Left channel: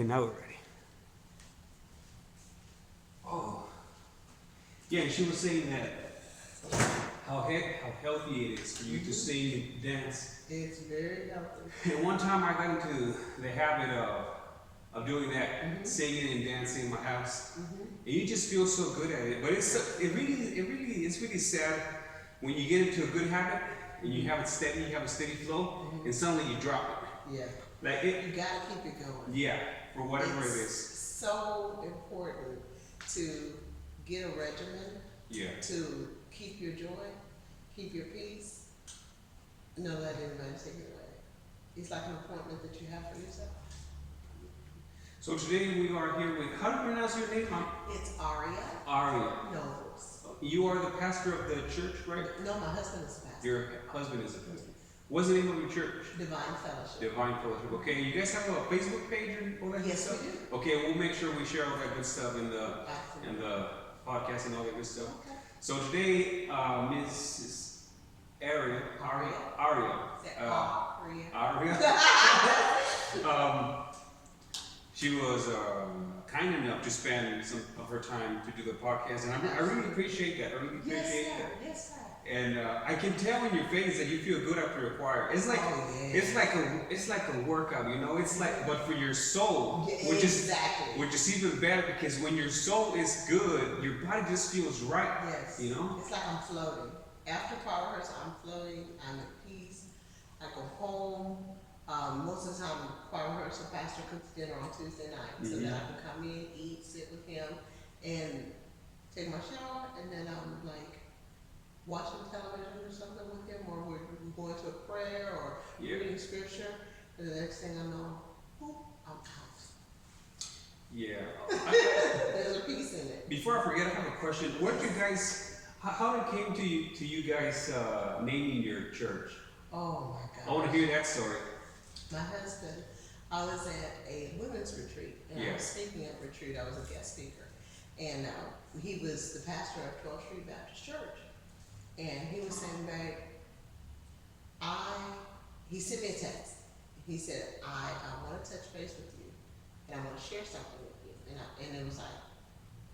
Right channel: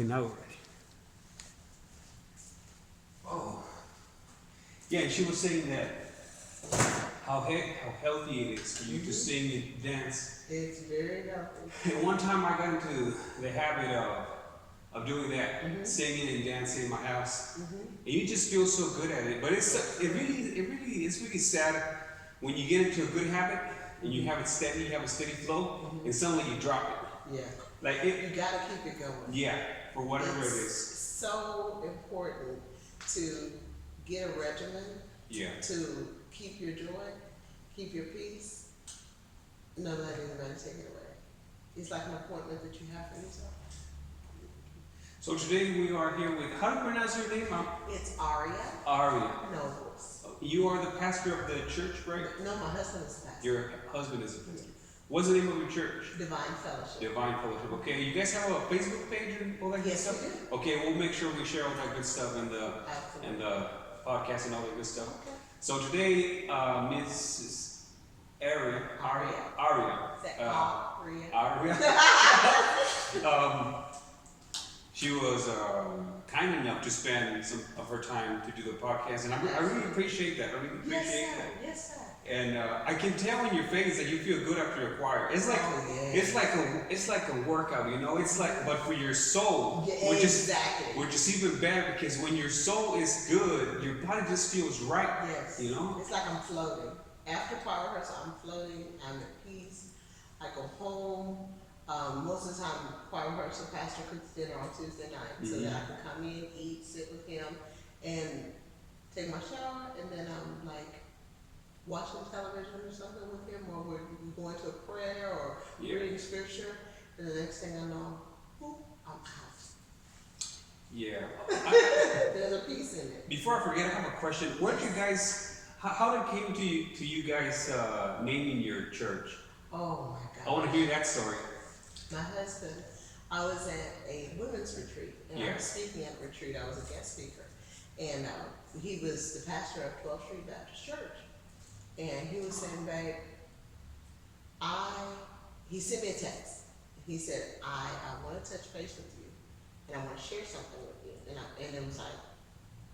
Okay, now we're ready. Oh. Yeah, and she was saying that how healthy it is for you to sing and dance. It's very healthy. And one time I got into the habit of doing that, singing and dancing in my house, and you just feel so good at it. But it's really sad when you get into a good habit and you have a steady flow, and suddenly you drop it. Yeah. Like it. You gotta keep it going. Yeah, for whatever it's it is. So important to get a regimen. Yeah. To keep your joy, keep your peace. Not let anybody take it away. It's like an appointment that you have for yourself. So today we are here with, how do you pronounce your name? It's Aria. Aria. Nobles. You are the pastor of the church, right? No, my husband is the pastor. Your husband is the pastor. What's the name of your church? Divine Fellowship. Divine Fellowship. Okay, you guys have a Facebook page and all that good Yes, stuff? we do. Okay, we'll make sure we share all that good stuff in the Absolutely. and the podcast and all that good stuff. Okay. So today, Mrs. Aria. Is that Aria. She was kind enough to spend some of her time to do the podcast, and I really appreciate that. I really appreciate that. Yes, sir. And I can tell in your face that you feel good after a choir. It's like it's like a workout, you know. It's like, but for your soul, which is even better, because when your soul is good, your body just feels right. Yes. You know. It's like I'm floating. After choir rehearsal, I'm floating. I'm at peace. I go home. Most of the time, choir rehearsal, pastor cooks dinner on Tuesday night, so that I can come in, eat, sit with him, and take my shower, and then I'm like watching television or something with him, or we're going to a prayer or reading scripture, and the next thing I know, whoop, I'm out. Yeah. There's a piece in it. Before I forget, I have a question. Where did you guys? How did it came to you guys naming your church? Oh my God. I want to hear that story. My husband, I was at a women's retreat, and I was speaking at a retreat. I was a guest speaker, and he was the pastor of 12th Street Baptist Church, and he was saying, babe, he sent me a text. He said, I want to touch base with you, and I want to share something with you, and it was like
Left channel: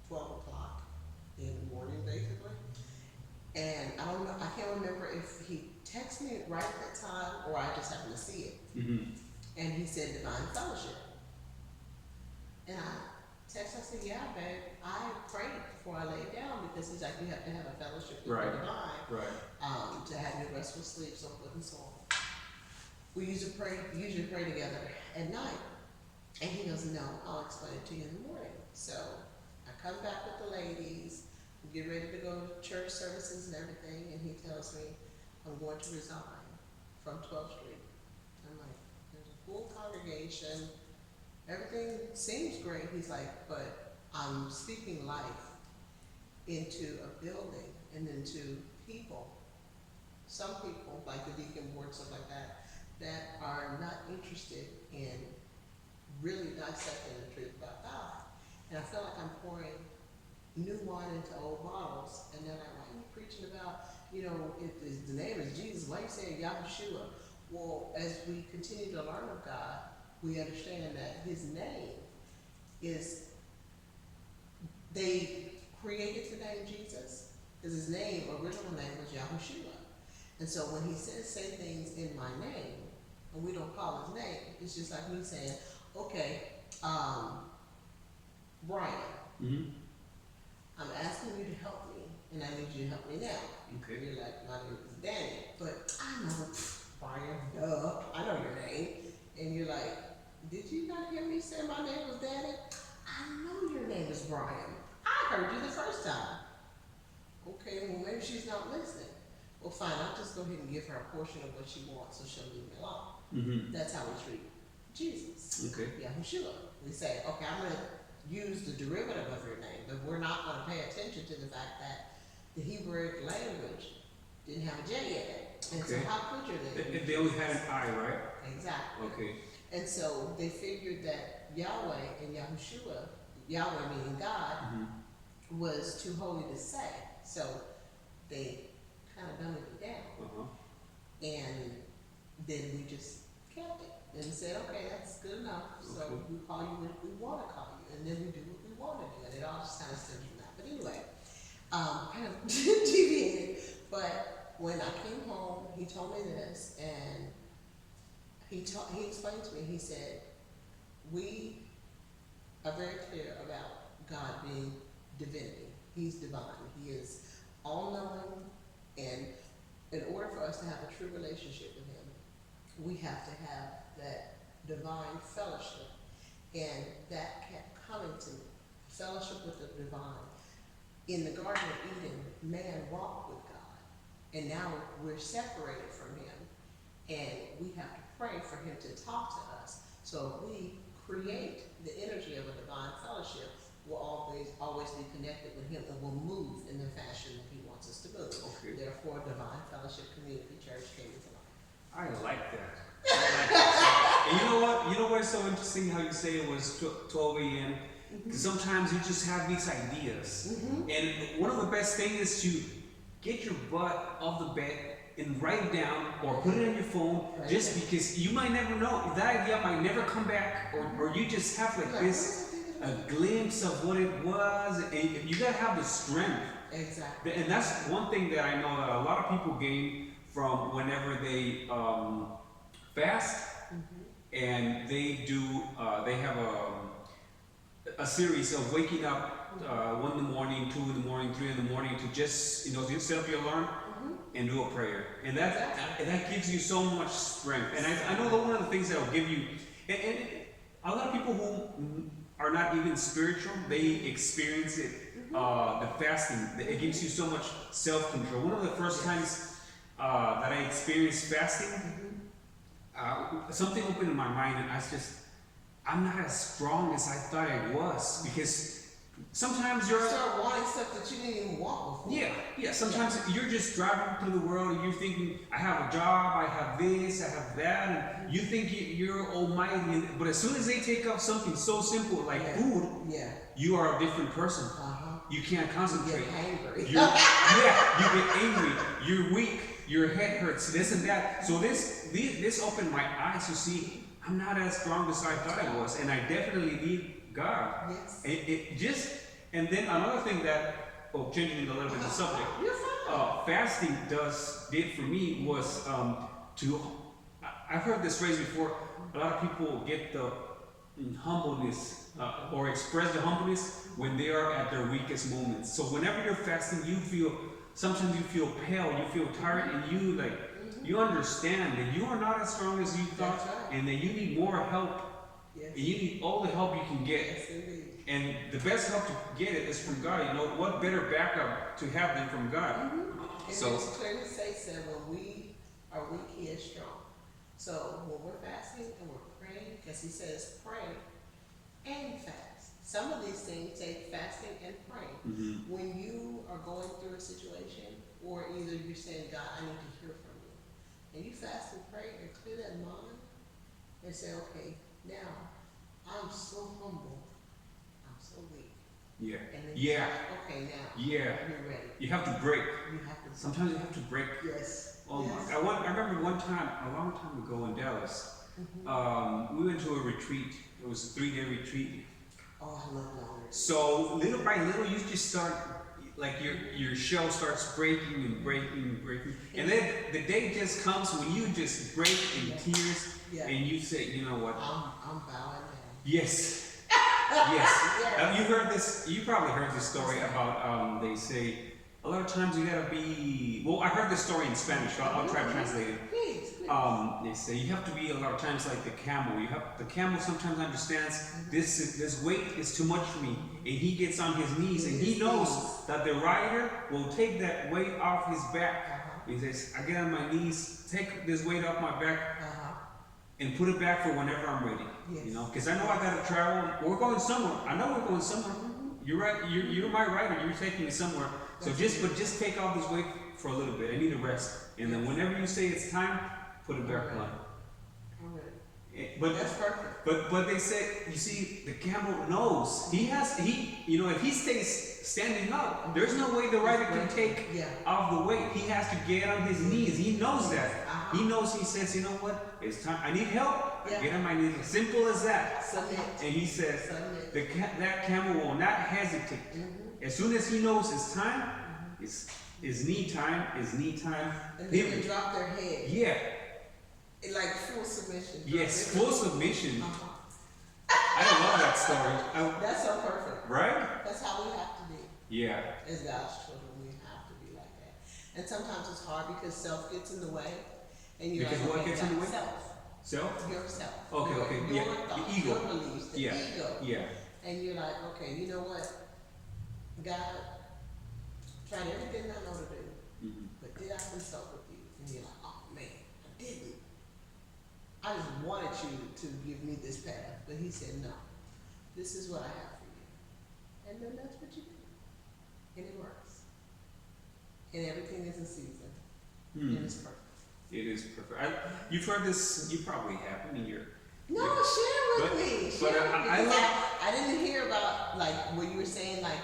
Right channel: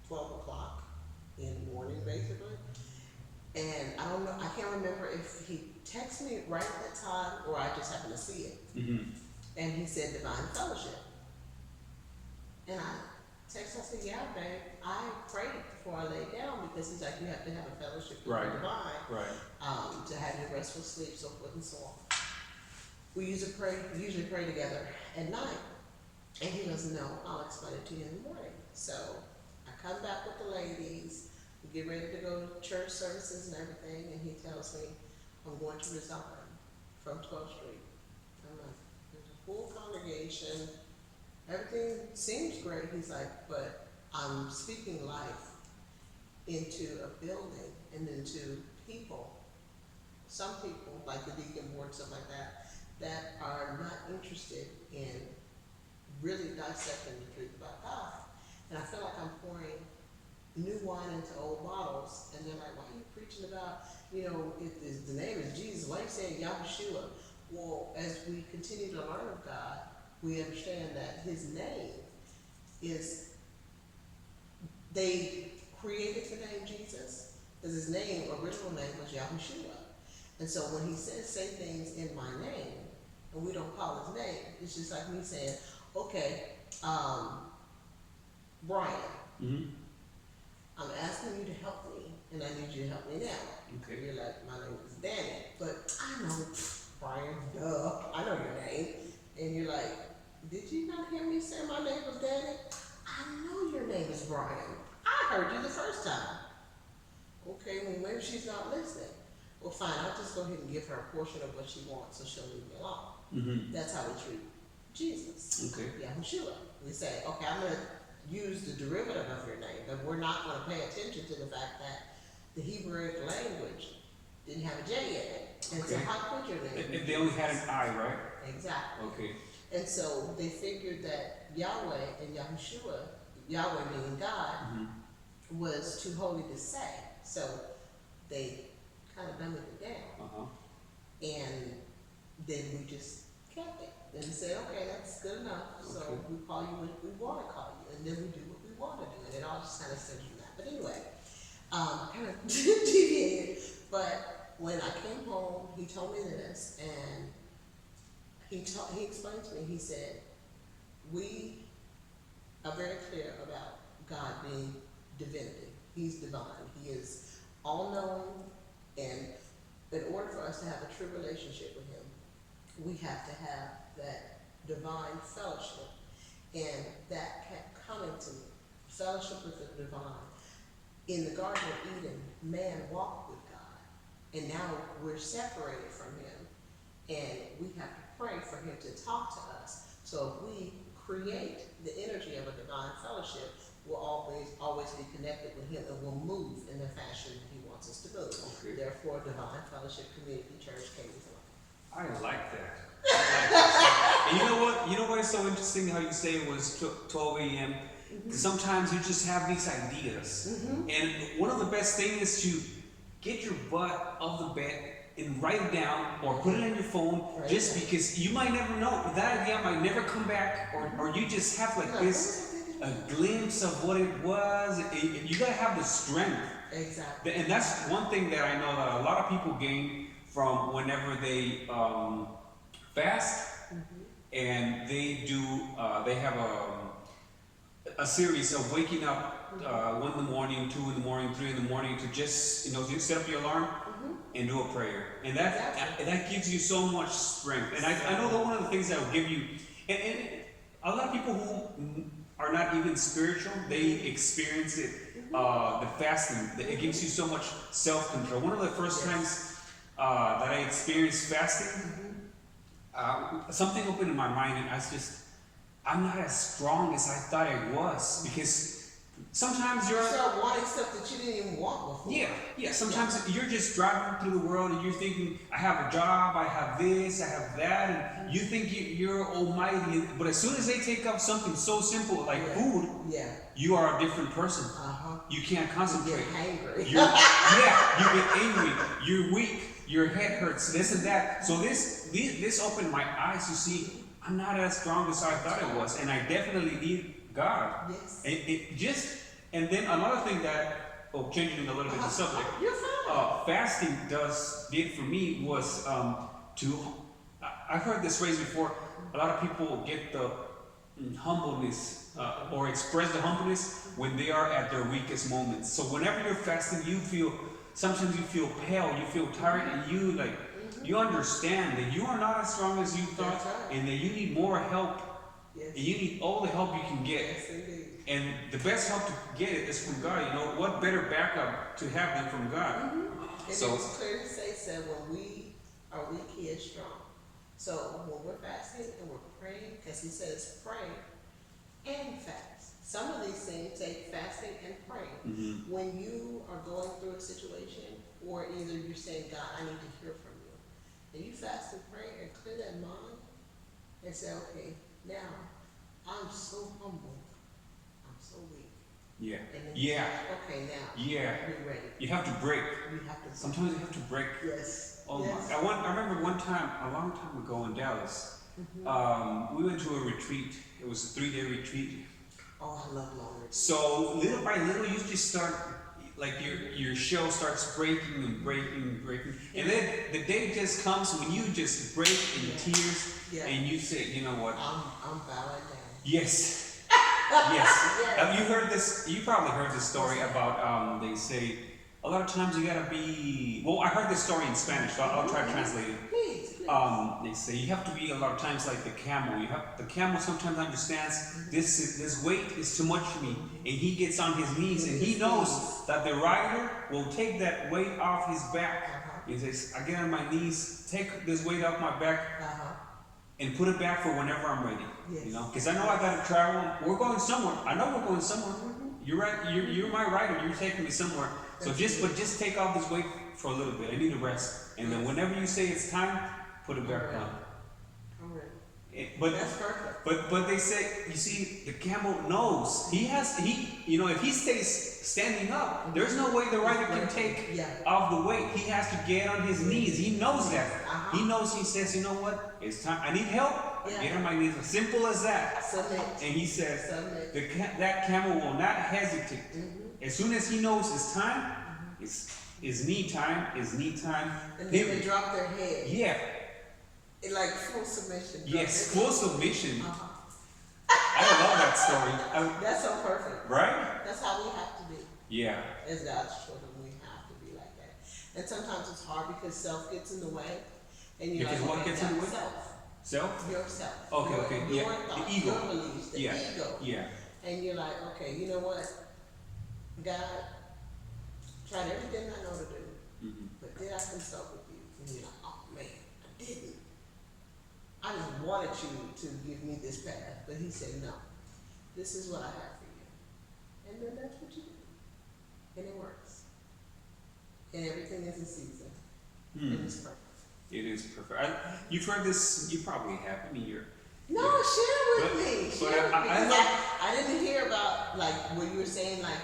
12 o'clock in the morning, basically. And I don't know, I can't remember if he texted me right at that time or I just happened to see it. And he said Divine Fellowship. And I texted, I said, yeah, babe, I prayed before I laid down, because he's like, you have to have a fellowship with the divine, to have your restful sleep, so forth and so on. We usually pray together at night. And he goes, no, I'll explain it to you in the morning. So I come back with the ladies, we get ready to go to church services and everything, and he tells me, I'm going to resign from 12th Street. I'm like, there's a full congregation, everything seems great. He's like, but I'm speaking life into a building and into people. Some people, like the deacon board, stuff like that are not interested in really dissecting the truth about God. And I feel like I'm pouring new wine into old bottles, and they're like, why are you preaching about, the name is Jesus, why are you saying Yahushua? Well, as we continue to learn of God, we understand that his name is, they created the name Jesus, because his original name was Yahushua. And so when he says, say things in my name, and we don't call his name, it's just like me saying, okay, Brian, I'm asking you to help me, and I need you to help me now. Okay. You're like, my name is Danny, but I know, Brian, duh, I know your name. And you're like, did you not hear me say my name was Danny? I know your name is Brian. I heard you the first time. Okay, well, maybe she's not listening. Well, fine, I'll just go ahead and give her a portion of what she wants, so she'll leave me alone. That's how we treat Jesus. Okay. Yahushua. We say, okay, I'm going to use the derivative of your name, but we're not going to pay attention to the fact that the Hebrew language didn't have a J in it. And so how could your name? They only had an I, right? Exactly. Okay. And so they figured that Yahweh and Yahushua, Yahweh meaning God, was too holy to say. So they kind of dumbed it down. And then we just kept it. and said, okay, that's good enough. So Okay. we call you when we want to call you, and then we do what we want to do, and it all just kind of stems from that. But anyway, kind of deviated. But when I came home, he told me this, and he explained to me. He said, we are very clear about God being divinity. He's divine. He is all-knowing, and in order for us to have a true relationship with him, we have to have that divine fellowship, and that kept coming to me. Fellowship with the divine. In the Garden of Eden, man walked with God, and now we're separated from him, and we have to pray for him to talk to us. So if we create the energy of a divine fellowship, we'll always be connected with him, and we'll move in the fashion that he wants us to move. Okay. Therefore, Divine Fellowship Community Church came into life. I like that. I like that. And you know what? You know what is so interesting how you say it was 12 a.m.? Because sometimes you just have these ideas. And one of the best things is to get your butt off the bed and write it down or put it on your phone, just because you might never know. That idea might never come back, or you just have like this, a glimpse of what it was. You gotta have the strength. Exactly. And that's one thing that I know that a lot of people gain from whenever they fast, and they do. They have a series of waking up 1 in the morning, 2 in the morning, 3 in the morning to just set up your alarm and do a prayer, and that gives you so much strength. And I know that one of the things that will give you, and a lot of people who are not even spiritual, they experience it. The fasting, it gives you so much self-control. One of the first times that I experienced fasting, something opened in my mind, and I'm not as strong as I thought I was, because sometimes you start wanting stuff that you didn't even want before. Yeah. Sometimes you're just driving through the world and you're thinking, I have a job, I have this, I have that, and you think you're almighty. But as soon as they take up something so simple like food, you are a different person. You can't concentrate. You get hangry. You get angry. You're weak. Your head hurts. This and that. So this opened my eyes to see I'm not as strong as I thought I was, and I definitely need God. Yes. And then another thing that, changing a little bit the subject, fasting did for me was I've heard this phrase before. A lot of people get the humbleness or express the humbleness when they are at their weakest moments. So whenever you're fasting, sometimes you feel pale, you feel tired, and you understand that you are not as strong as you thought, and that you need more help. Yes. And you need all the help you can get. Yes, indeed. And the best help to get it is from God. What better backup to have than from God? And So it's clear to say, when we are weak, he is strong. So when we're fasting and we're praying, because he says pray and fast. Some of these things take fasting and praying. When you are going through a situation, or either you're saying, God, I need to hear from you, and you fast and pray and clear that mind and say, okay, now I'm so humble, I'm so weak. And then you say, okay, now we're ready. You have to break. Sometimes you have to break. Yes. Oh my! I remember one time, a long time ago in Dallas, we went to a retreat. It was a 3-day retreat. Oh, I love long retreats. So little by little, you just start, like your shell starts breaking and breaking. And then the day just comes when you just break in tears, and you say, you know what? I'm bowing down. Yes. Have you heard this? You probably heard this story about, they say, a lot of times you gotta be, well, I heard this story in Spanish, so I'll try to translate it. Please. They say you have to be a lot of times like the camel. The camel sometimes understands this weight is too much for me, and he gets on his knees, and he knows that the rider will take that weight off his back. He says, I get on my knees, take this weight off my back, and put it back for whenever I'm ready. Because I know I gotta travel. We're going somewhere. I know we're going somewhere. You're right. You're my rider. You're taking me somewhere. So just take off this weight for a little bit. I need a rest, and then whenever you say it's time, put it back on. But that's perfect. But they say, you see, the camel knows if he stays standing up, there's no way the rider can take off the weight. He has to get on his knees. He knows that. He knows. He says, you know what? It's time. I need help, Yeah. I get on my knees. Simple as that. Submit. And he says, Submit. that camel will not hesitate. Mm-hmm. As soon as he knows it's time, Mm-hmm. it's knee time, And then they drop their head. Yeah. Like full submission. Yes, full submission. Uh-huh. I love that story. That's so perfect. Right? That's how we have to be. Yeah. As God's children, we have to be like that. And sometimes it's hard because self gets in the way. And you're Because like, what okay, gets in the way? Self. Self? Yourself. Okay. Your Yeah. thoughts, The ego. your beliefs, the Yeah. ego. Yeah. And you're like, okay, you know what? God, tried everything I know to do, Mm-hmm. but did I consult with you? And you're like, oh man, I didn't. I just wanted you to give me this path. But he said, no, this is what I have for you. And then that's what you do. And it works. And everything is in season. And it's perfect. It is perfect. You've heard this, you probably have. I mean, you're. No, yeah. share with me. But Share with me. I Because like. I didn't hear about like what you were saying, like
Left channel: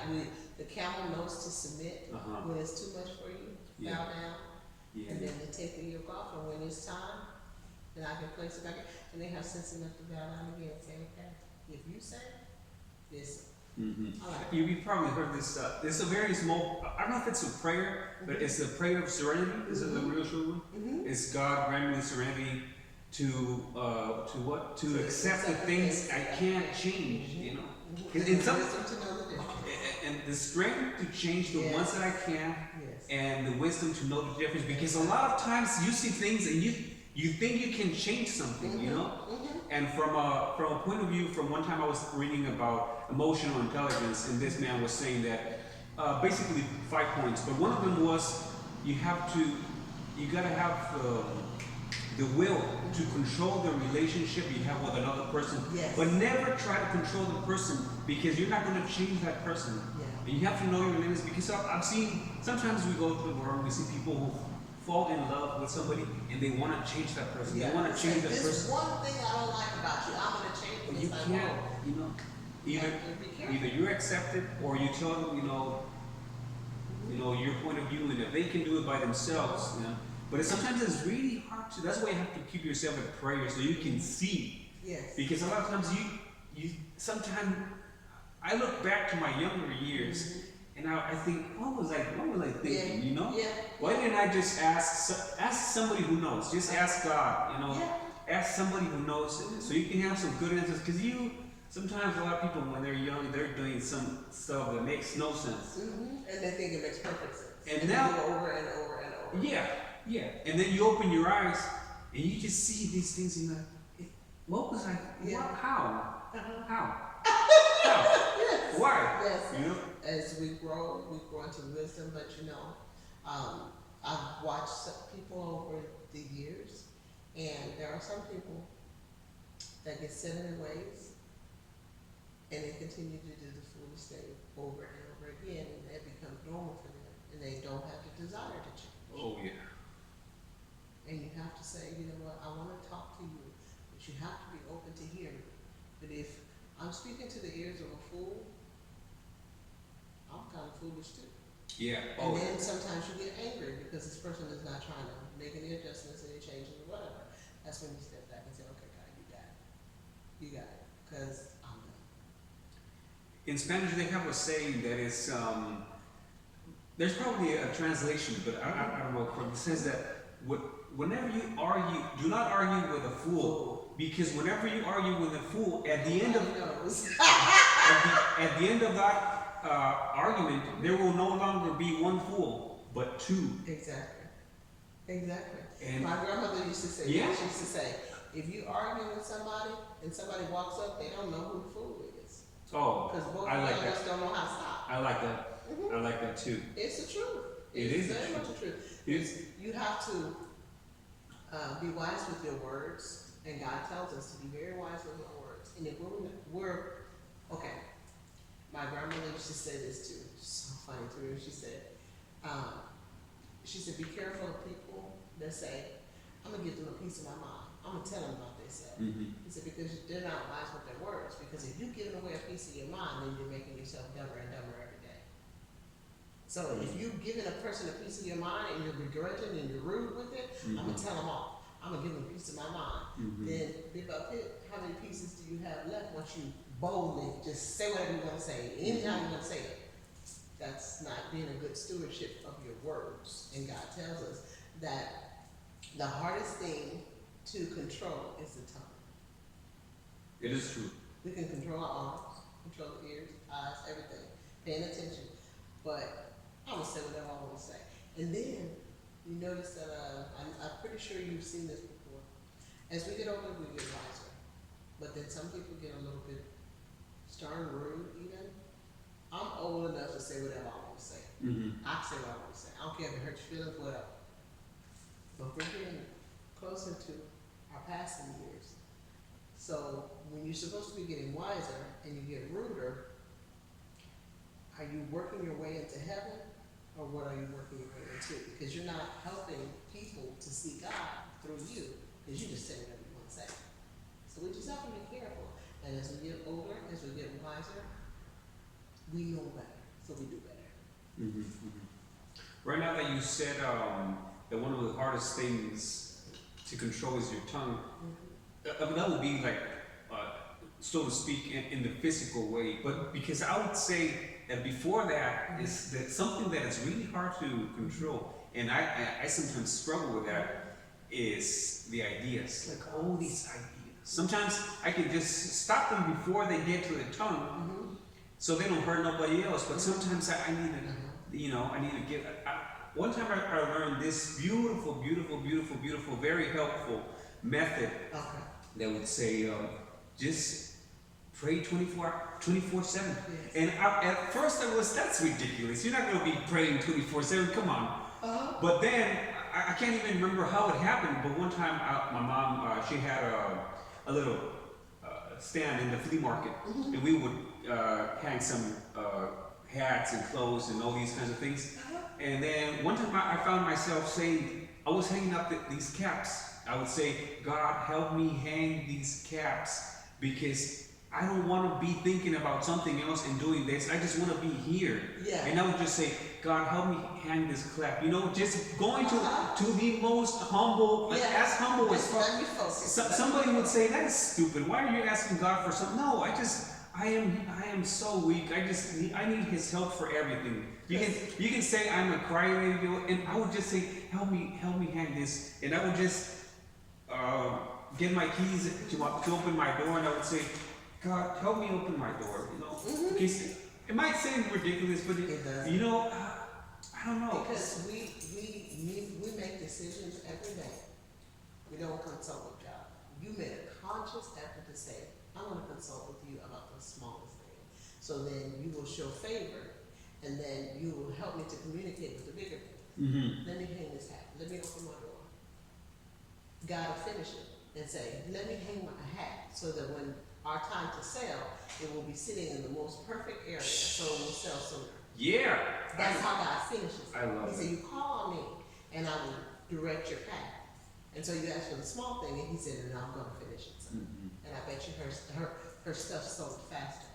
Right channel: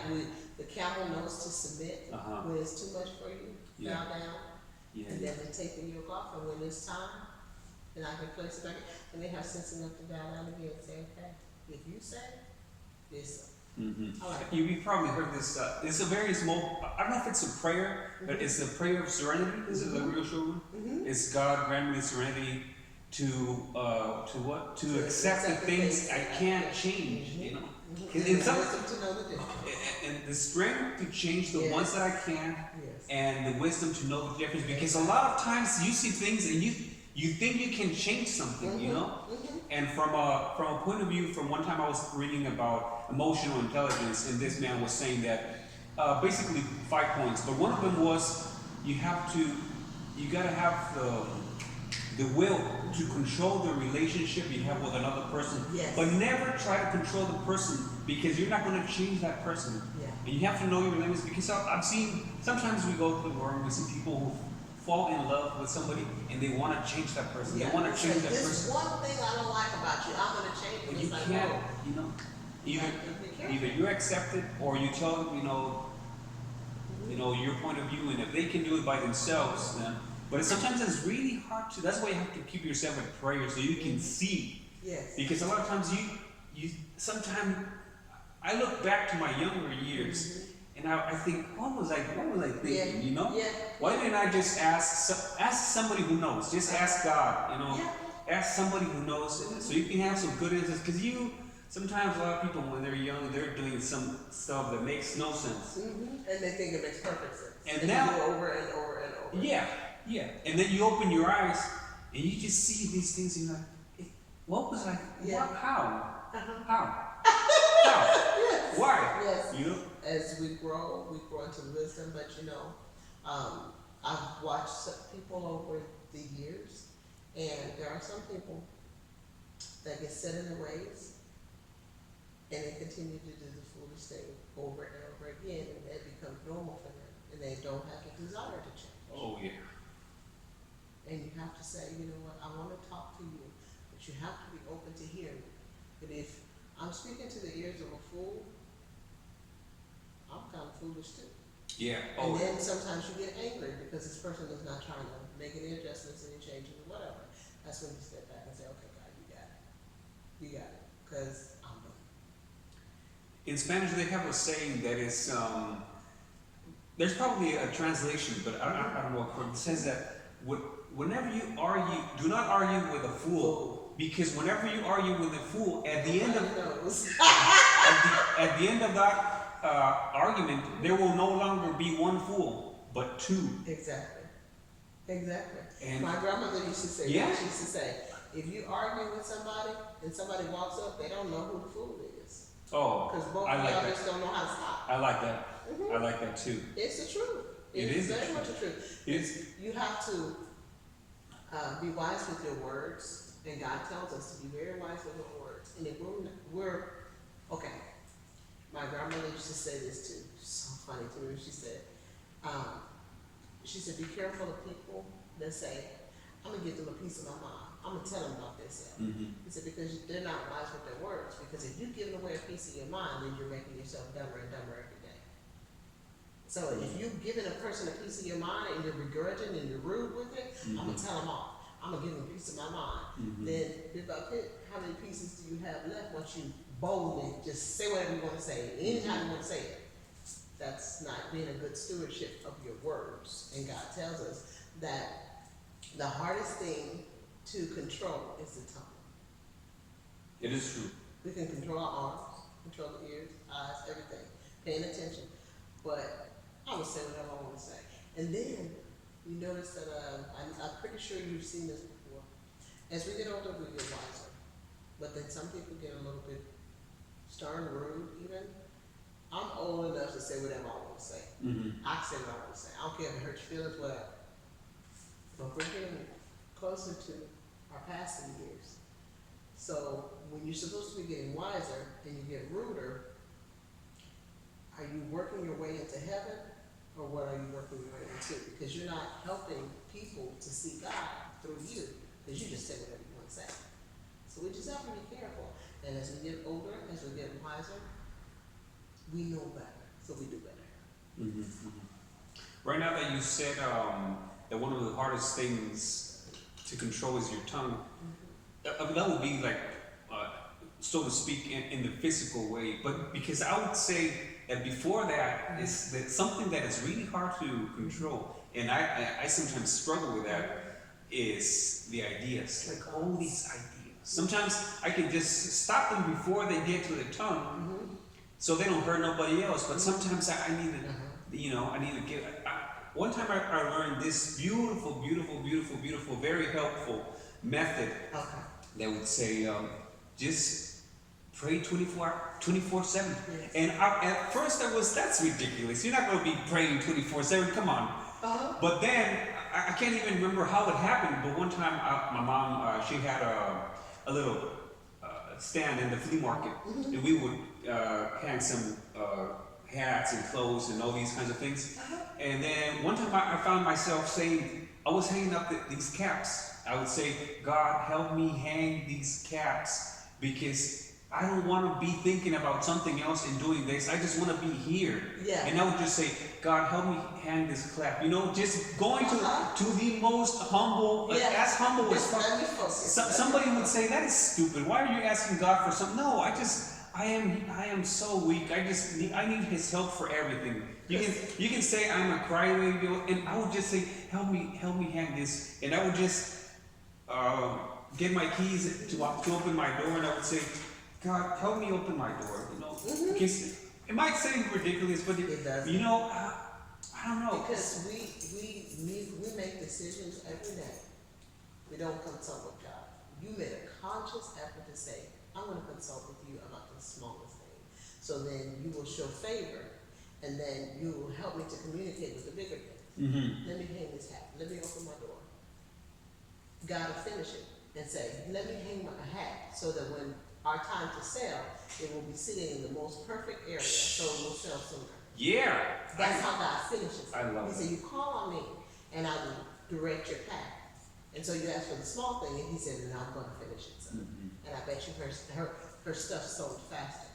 the camel knows to submit when it's too much for you, Yeah. bow down, Yeah. and then they take the yoke off, and when it's time, then I can place it back, and they have sense enough to bow down again and say, okay, if you say this, Mm-hmm. I like it. You've probably heard this. It's a very small. I don't know if it's a prayer, but it's a prayer of serenity. Is it the real true one? Mm-hmm. It's God grant me the serenity to what? To accept the things I can't change. Mm-hmm. You know, Mm-hmm. and, And some, wisdom to know the difference. and the strength to change the Yes. ones that I can, Yes. and the wisdom to know the difference. Because a lot of times you see things and you think you can change something. You know. Mm-hmm. And from a point of view, from one time I was reading about emotional intelligence, and this man was saying that basically 5 points, but one of them was you gotta have the will to control the relationship you have with another person, Yes. but never try to control the person because you're not gonna change that person. Yeah. And you have to know your limits because I've seen sometimes we go through the world, we see people who fall in love with somebody and they want to change that person. Yeah. They want to It's change like, that this person. one thing I don't like about you, I'm gonna change it. But It's you like, can't, whoa. you know, You either have to be careful. either you accept it or you tell them, you know your point of view, and if they can do it by themselves, then. But sometimes it's really hard to. That's why you have to keep yourself in prayer so you can see. Yes. Because a lot of times you sometimes I look back to my younger years and I think, what was I thinking? Yeah. You know? Yeah. Why didn't I just ask somebody who knows? Just ask God. You know. Yeah. Ask somebody who knows, so you can have some good answers. Because sometimes a lot of people when they're young, they're doing some stuff that makes no sense. Mm-hmm. And they think it makes perfect sense. And now, they do it over and over and over. yeah. And then you open your eyes and you just see these things and you're like, what was I? Yeah. What, how? Uh-huh. How? How? Yes. Why? Yes. You know? As we grow into wisdom. But I've watched some people over the years, and there are some people that get set in their ways, and they continue to do the foolish thing over and over again, and it becomes normal for them, and they don't have the desire to change. Oh yeah. And you have to say, you know what, I want to talk to you, but you have to be open to hearing. But if I'm speaking to the ears of a fool, I'm kind of foolish too. Yeah. And Oh. then sometimes you get angry because this person is not trying to make any adjustments, any changes, or whatever. That's when you step back and say, okay, God, you got it. You got it. Because I'm done. In Spanish, they have a saying that is, there's probably a translation, but I don't know. It says that whenever you argue, do not argue with a fool, because whenever you argue with a fool, at the end of at the end of that argument, there will no longer be one fool, but two. Exactly. Exactly. And my grandmother used to say, yeah. she used to say, if you argue with somebody and somebody walks up, they don't know who the fool is. Oh, Because both I of like y'all that. just don't know how to stop. I like that. I like that too. It's the truth. It is the very truth. much the truth. It is. You have to be wise with your words, and God tells us to be very wise with our words. And if we're okay, my grandmother used to say this too. It's so funny to me. She said, be careful of people that say, I'm gonna give them a piece of my mind. I'm gonna tell them about themselves. He said, because they're not wise with their words. Because if you're giving away a piece of your mind, then you're making yourself dumber and dumber every day. So if you've given a person a piece of your mind and you're begrudging and you're rude with it, I'm gonna tell them off. I'm gonna give him a piece of my mind. Mhm. Then bit by bit, how many pieces do you have left once you boldly just say whatever you want to say, anytime you want to say it? That's not being a good stewardship of your words. And God tells us that the hardest thing to control is the tongue. It is true. We can control our arms, control the ears, eyes, everything, paying attention. But I'm gonna say whatever I want to say. And then you notice that I'm pretty sure you've seen this before. As we get older, we get wiser. But then some people get a little bit stern, rude, even. I'm old enough to say whatever I want to say. Mm-hmm. I can say what I want to say. I don't care if it hurts your feelings, whatever. But we're getting closer to our passing years. So when you're supposed to be getting wiser and you get ruder, are you working your way into heaven, or what are you working your way into? Because you're not helping people to see God through you, because you just say whatever you want to say. So we just have to be careful. And as we get older, as we get wiser, we know better, so we do better. Mm-hmm. Mm-hmm. Right now that you said that one of the hardest things to control is your tongue, I mean, that would be like, so to speak, in the physical way. But because I would say that before that is that something that is really hard to control, and I sometimes struggle with that, is the ideas. Like all these ideas. Sometimes I can just stop them before they get to the tongue, so they don't hurt nobody else. But sometimes I need to, I need to give. One time I learned this beautiful, very helpful method that would say, just pray 24/7. Yes. And at first that's ridiculous. You're not going to be praying 24/7. Come on. But then I can't even remember how it happened. But one time my mom, she had a little stand in the flea market, and we would hang some hats and clothes and all these kinds of things. And then one time I found myself saying, I was hanging up these caps. I would say, God, help me hang these caps, because I don't want to be thinking about something else and doing this. I just want to be here. Yeah. And I would just say, God, help me hang this clap. Just going to the most humble, like as humble as possible. Somebody would say, that is stupid. Why are you asking God for something? No, I am so weak. I need His help for everything. You can say I'm a crybaby, and I would just say, help me hang this, and I would just get my keys to open my door, and I would say, God, help me open my door. Because it might seem ridiculous, but it does. I don't know. Because we make decisions every day. We don't consult with God. You made a conscious effort to say, I'm going to consult with you about the smallest thing. So then you will show favor, and then you will help me to communicate with the bigger thing. Mm-hmm. Let me hang this hat. Let me open my door. God will finish it and say, let me hang a hat, so that when our time to sell, it will be sitting in the most perfect area, so it will sell sooner. Yeah. That's how God finishes. I love He that. said, you call on me, and I will direct your path. And so you ask for the small thing, and He said, and I'm going to finish it, son. Mm-hmm. And I bet you her stuff sold faster.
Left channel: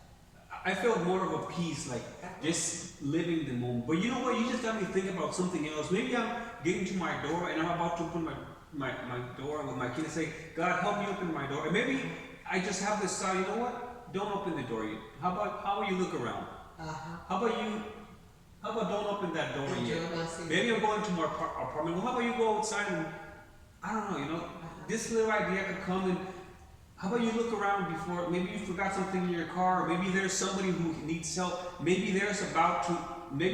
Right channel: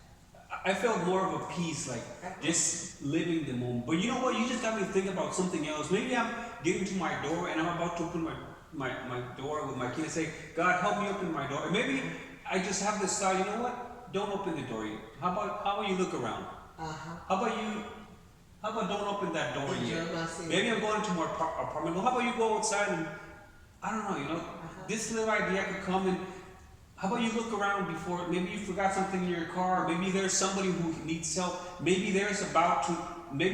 I felt more of a peace, like just living the moment. But you know what? You just got me thinking about something else. Maybe I'm getting to my door and I'm about to open my door with my key and say, God, help me open my door. And maybe I just have this thought, you know what? Don't open the door yet. How about you look around? How about don't open that door yet? Maybe I'm going to my apartment. Well, how about you go outside and, I don't know, this little idea could come, and how about you look around before, maybe you forgot something in your car, or maybe there's somebody who needs help, maybe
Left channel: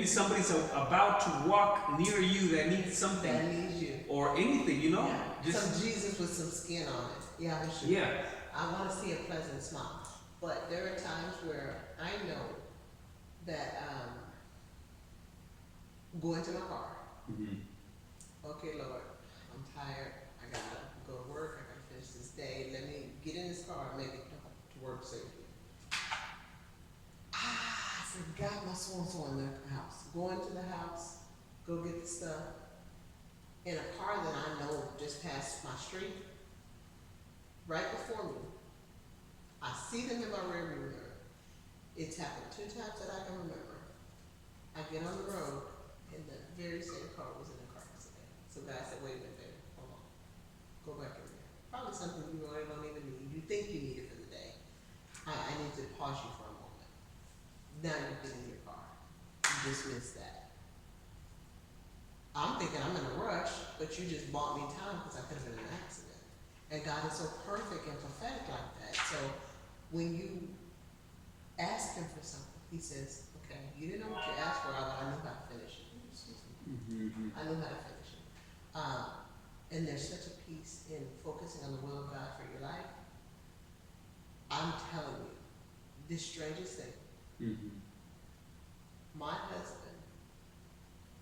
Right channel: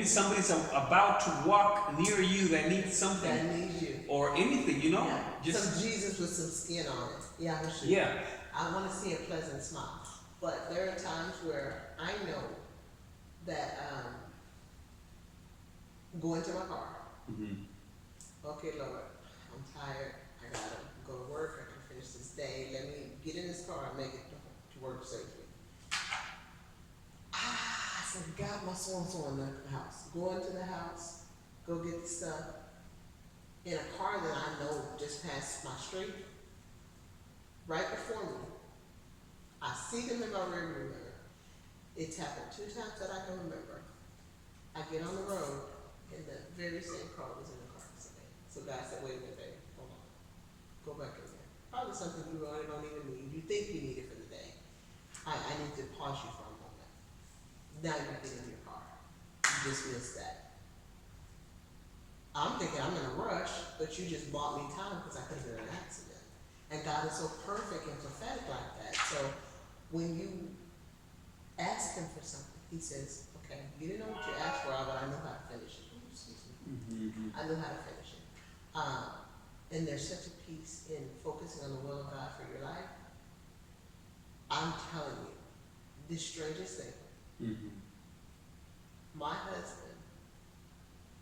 somebody's about to walk near you that needs something. That needs you. Or anything, Yeah. Just some Jesus with some skin on it. Yeah, for sure. Yeah. I want to see a pleasant smile. But there are times where I know that go into my car. Mm-hmm. Okay, Lord, I'm tired. I gotta go to work. I gotta finish this day. Let me get in this car and make it to work safely. I forgot my so-and-so in the house. Go into the house, go get the stuff. In a car that I know just passed my street, right before me. I see them in my rearview mirror. It's happened 2 times that I can remember. I get on the road, and the very same car was in the car accident. So God said, wait a minute, baby, hold on. Go back in there. Probably something you really don't even need. You think you need it for the day. I need to pause you for a moment. Now you get in your car. You just missed that. I'm thinking I'm in a rush, but you just bought me time because I could have been in an accident. And God is so perfect and prophetic like that. So when you ask him for something, he says, okay, you didn't know what you asked for, but I knew how to finish it. Excuse me. Mm-hmm. I knew how to finish it. And there's such a peace in focusing on the will of God for your life. I'm telling you, the strangest thing, Mm-hmm. my husband,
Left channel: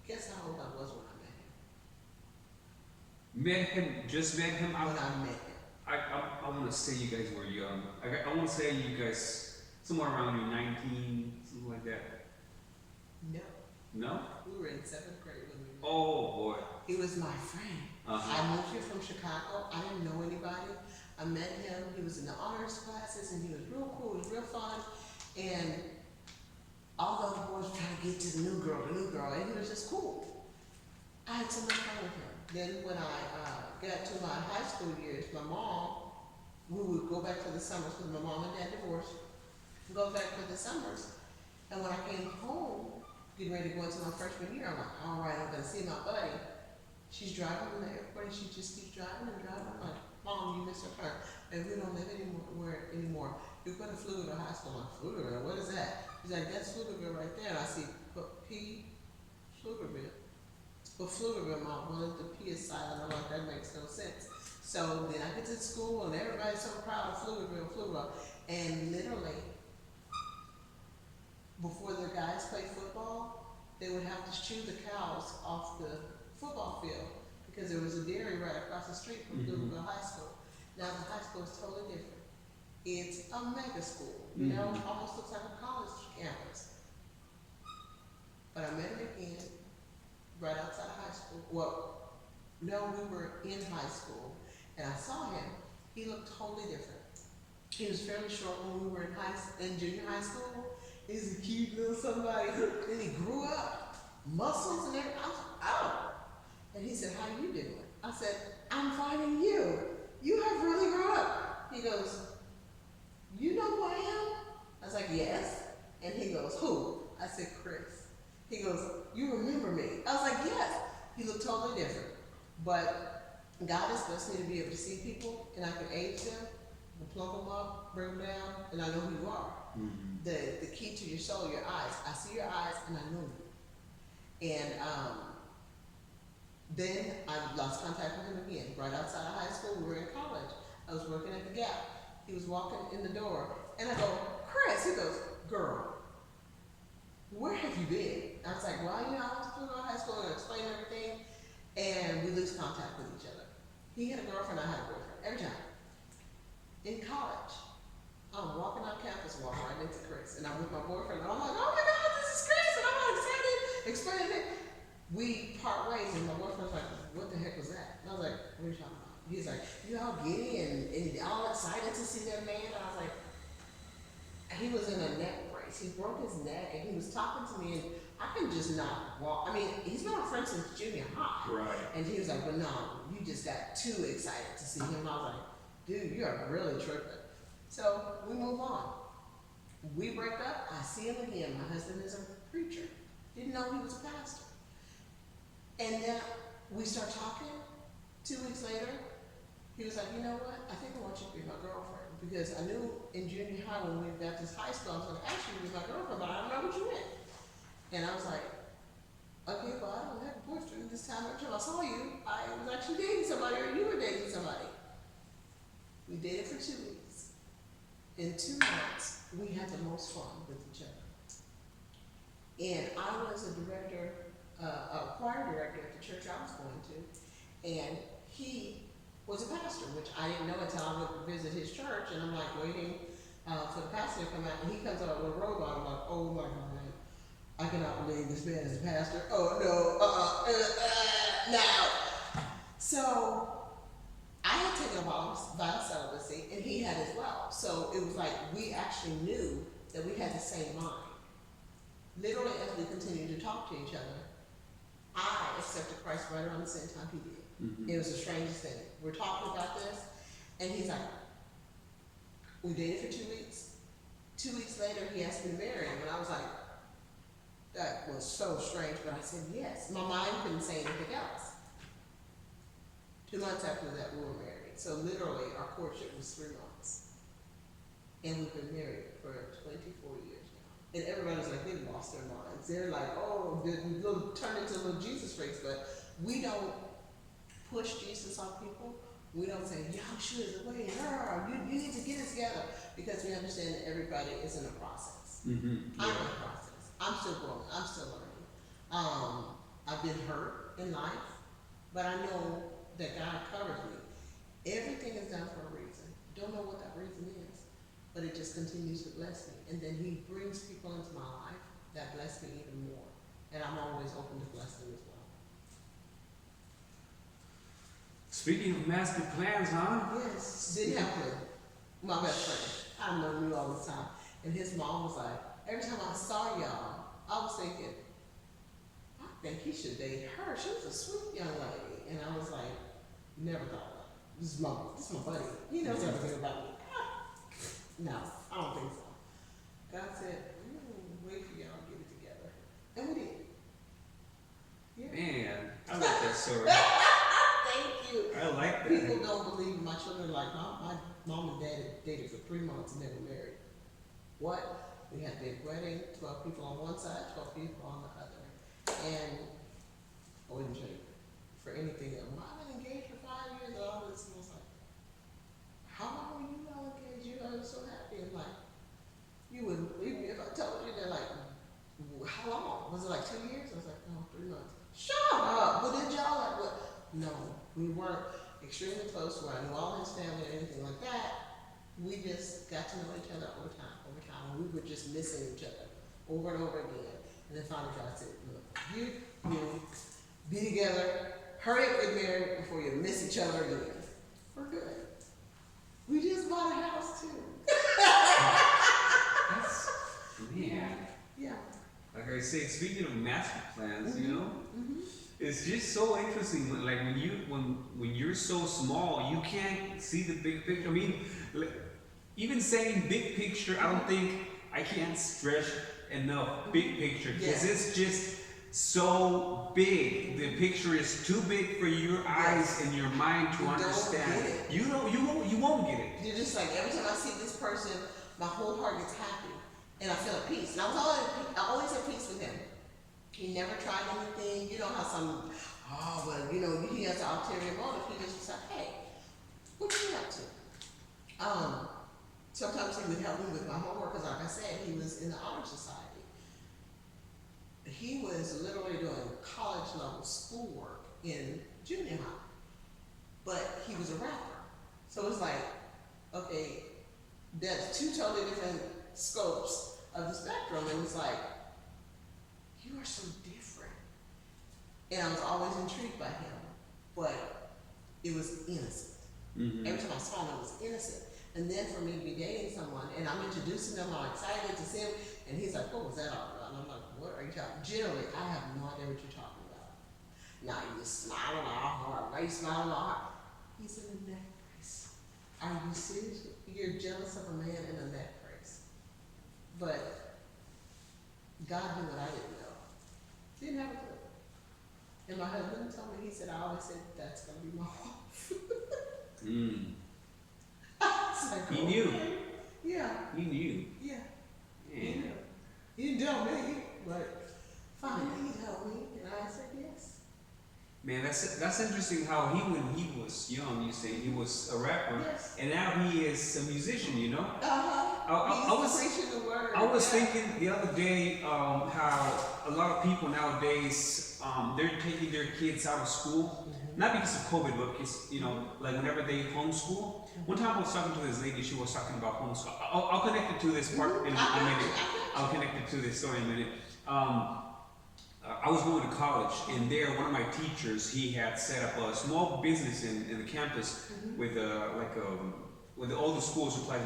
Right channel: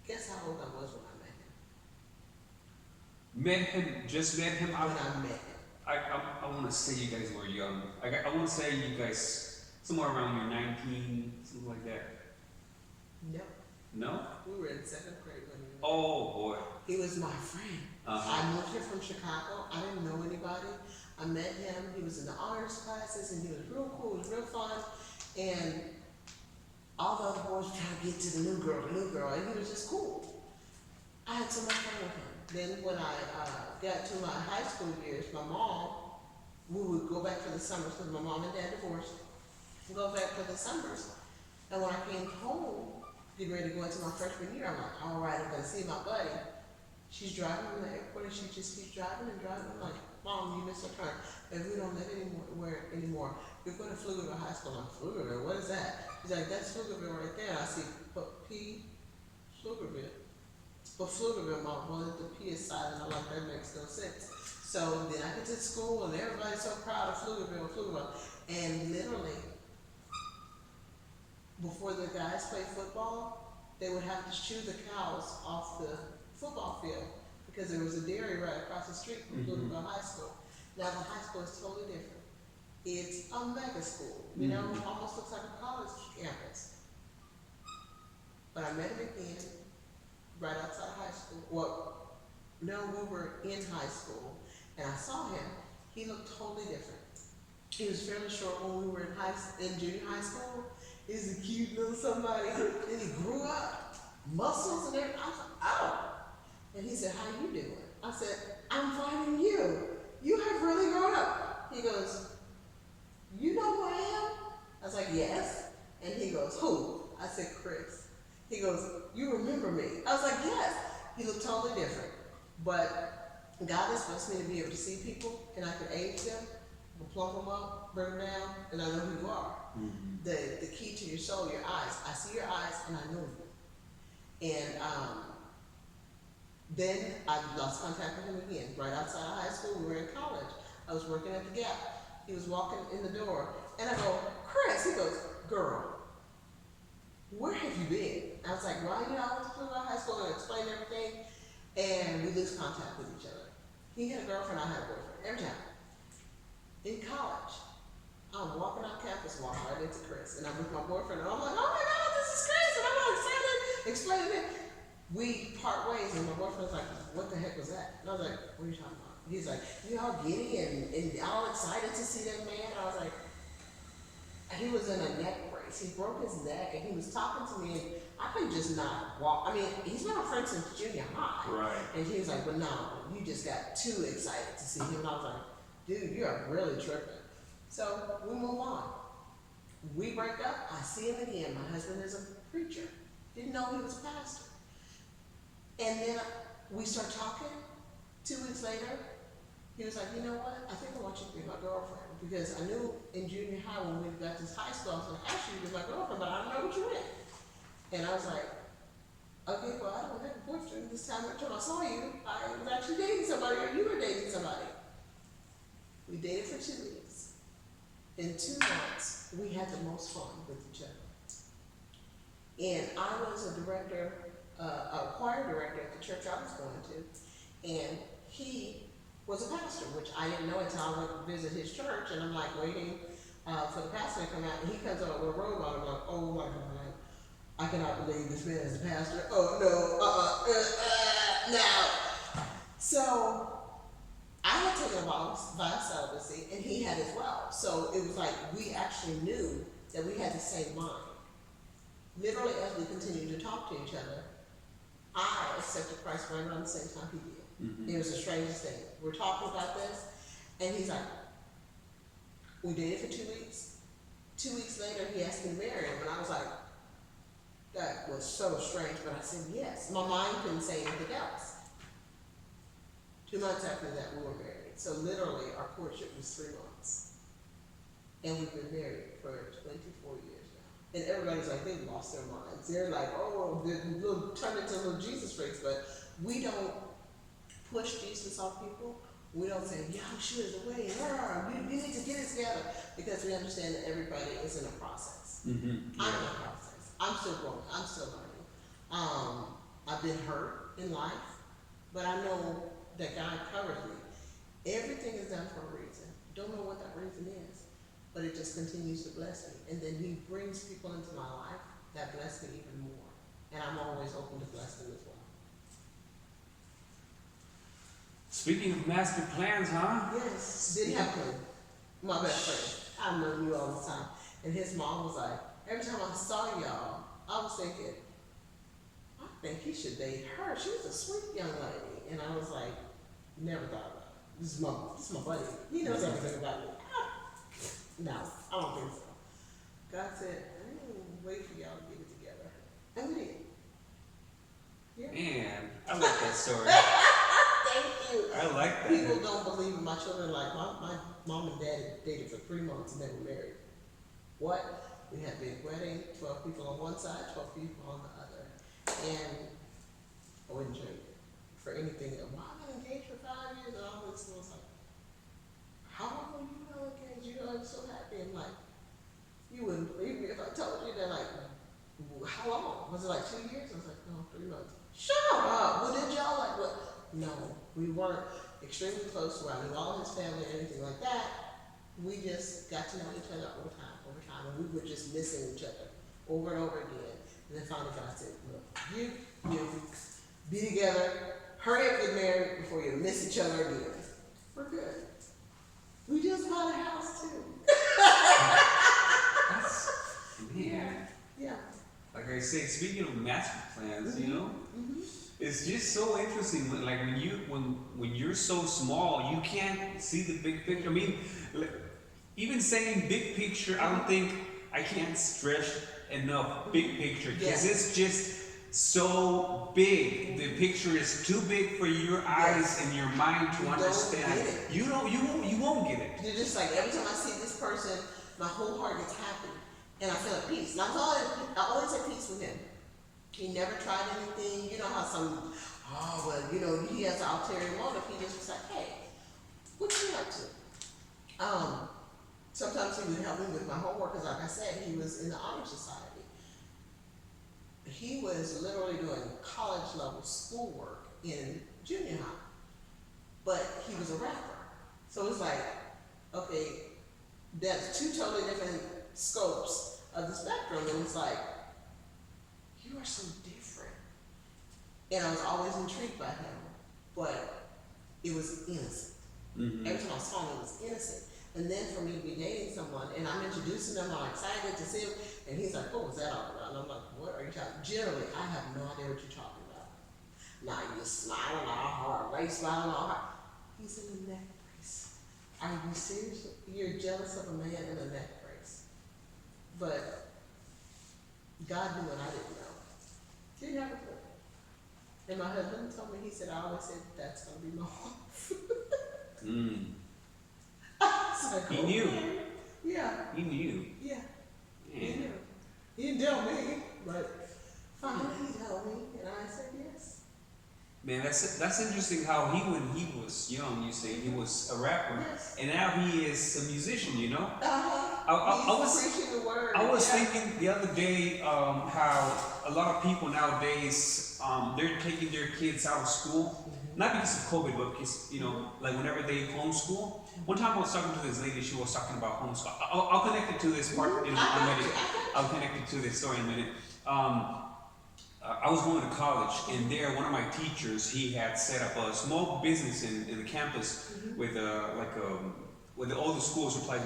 guess how old I was when I met him? Met him, just met him. When I met him. I want to say you guys were young. I want to say you guys somewhere around your 19, something like that. No. No? We were in 7th grade when we met. Oh boy. He was my friend. Uh-huh. I moved here from Chicago. I didn't know anybody. I met him. He was in the honors classes and he was real cool. He was real fun. And all the other boys were trying to get to the new girl, and he was just cool. I had so much fun with him. Then when I got to my high school years, my mom, we would go back for the summers because my mom and dad divorced. Go back for the summers. And when I came home, getting ready to go into my freshman year, I'm like, all right, I'm going to see my buddy. She's driving in the airport and she just keeps driving and driving. I'm like, Mom, you missed her turn. And we don't live anymore. You're going to Pflugerville High School. I'm like, Pflugerville, what is that? He's like, that's Pflugerville right there. And I see P. Pflugerville. But Pflugerville, Mom, well, the P is silent. I'm like, that makes no sense. So then I get to school and everybody's so proud of Pflugerville. And literally, before the guys play football, they would have to shoo the cows off the football field because there was a dairy right across the street from Pflugerville High School. Now the high school is totally different. It's a mega school, you know, almost looks like a college campus. But I met him again right outside of high school. Well, no, we were in high school and I saw him. He looked totally different. He was fairly short when we were in junior high school. He's a cute little somebody. Then he grew up, muscles and everything. I was like, oh. And he said, how you doing? I said, I'm finding you. You have really grown up. He goes, you know who I am? I was like, yes. And he goes, who? I said, Chris. He goes, you remember me? I was like, yes. He looked totally different. But God has blessed me to be able to see people and I can age them, plump them up, bring them down, and I know who you are. Mm-hmm. The key to your soul, your eyes. I see your eyes and I know you. And then I lost contact with him again. Right outside of high school, we were in college. I was working at the Gap. He was walking in the door and I go, Chris. He goes, girl, where have you been? I was like, well, you know, I went to Pflugerville High School and explained everything and we lose contact with each other. He had a girlfriend, I had a boyfriend, every time. In college, I'm walking out campus, walking right into Chris, and I'm with my boyfriend, and I'm like, oh my God, this is Chris, and I'm all excited, explaining it. We part ways, and my boyfriend's like, what the heck was that? And I was like, what are you talking about? He's like, you all giddy and all excited to see that man? I was like, he was in a neck brace. He broke his neck, and he was talking to me, and I could just not walk. I mean, he's been our friend since junior high. Right. And he was like, but no, you just got too excited to see him. And I was like, dude, you are really tripping. So we move on. We break up. I see him again. My husband is a preacher. Didn't know he was a pastor. And then we start talking. 2 weeks later, he was like, you know what? I think I want you to be my girlfriend. Because I knew in junior high when we got to high school, I was like, actually, you be my girlfriend, but I don't know what you in. And I was like, okay, well, I don't have a boyfriend. This time, every time I saw you, I was actually dating somebody or you were dating somebody. We dated for 2 weeks. In 2 months, we had the most fun with each other. And I was a director, a choir director at the church I was going to, and he was a pastor, which I didn't know until I went to visit his church, and I'm like waiting for the pastor to come out, and he comes out with a robe on. I'm like, oh my God, I cannot believe this man is a pastor. Oh no, no. So I had taken a vow of celibacy, and he had as well. So it was like we actually knew that we had the same mind. Literally, as we continued to talk to each other, I accepted Christ right around the same time he did. It was the strangest thing. We're talking about this, and he's like, we dated for 2 weeks. 2 weeks later, he asked me to marry him, and I was like, that was so strange, but I said yes. My mind couldn't say anything else. 2 months after that, we were married. So literally, our courtship was 3 months. And we've been married for 24 years now. And everybody's like, they've lost their minds. They're like, oh, they're turned into little Jesus freaks. But we don't push Jesus on people. We don't say, yeah, I'm sure there's a way. You need to get it together. Because we understand that everybody is in a process. Mm-hmm. I'm in a process. I'm still growing. I'm still learning. I've been hurt in life, but I know that God covers me. Everything is done for a reason. Don't know what that reason is, but it just continues to bless me. And then He brings people into my life that bless me even more. And I'm always open to bless them as well. Speaking of master plans, huh? Yes. Didn't have one. My best friend. I know you all the time. And his mom was like, every time I saw y'all, I was thinking, I think he should date her. She was a sweet young lady. And I was like, never thought about it. This is my buddy. He knows everything about me. No, I don't think so. God said, wait for y'all to get it together. And we did. Yeah. Man, I like that story. Thank you. I like that. People don't believe in my children. Like my mom and dad dated for 3 months and they were married. What? We had a big wedding, 12 people on one side, 12 people on the other. And I wouldn't trade it for anything. Why have been engaged for 5 years and all this? And I was like, how long were you all engaged? You know, I'm so happy. I'm like, you wouldn't believe me if I told you. They're like, how long? Was it like 2 years? I was like, no, 3 months. Shut up. Well, did y'all like what? No, we weren't extremely close where I knew all his family or anything like that. We just got to know each other over time, and we were just missing each other over and over again. And then finally God said, look, you be together, hurry up, get married before you miss each other again. We're good. We just bought a house too. Yeah. Yeah. Like I say, speaking of master plans, Mm-hmm. you know, it's just so interesting. Like when you're so small, you can't see the big picture. I mean, even saying big picture, I don't think I can't stress enough big picture because it's just so big. The picture is too big for your eyes and your mind to understand. You won't get it. You're just like, every time I see this person, my whole heart gets happy and I feel at peace. And I always at peace with him. He never tried anything. You know how some, he has an ulterior motive. He just was like, hey, what you up to? Sometimes he would help me with my homework because, like I said, he was in the honor society. He was literally doing college level schoolwork in junior high, but he was a rapper. So it's like, okay, that's two totally different scopes of the spectrum, and it's like, you are so different. And I was always intrigued by him, but it was innocent. Mm-hmm. Every time I saw him, it was innocent. And then for me to be dating someone, and I'm introducing them, I'm excited to see him, and he's like, what was that all about? And I'm like, what are you talking about? Generally, I have no idea what you're talking about. Now you're smiling all hard. Why are you smiling all hard? He's in a neck brace. Are you serious? You're jealous of a man in a neck brace. But God knew what I didn't know. Didn't have a clue. And my husband told me, he said, I always said, that's going to be my wife. Like, he knew. Yeah. He knew. Yeah. Yeah. He knew. He didn't tell me, but finally he told me, and I said yes. Man, that's interesting how when he was young, you say he was a rapper, Yes. and now he is a musician, you know? I was preaching the word. I was thinking the other day how a lot of people nowadays, they're taking their kids out of school, not because of COVID, but because, like whenever they homeschool. One time I was talking to this lady, she was talking about homeschool. I'll connect it to this part in a minute. I'll connect it to this story in a minute. I was going to college, and there, one of my teachers, he had set up a small business in the campus with with all the school supplies,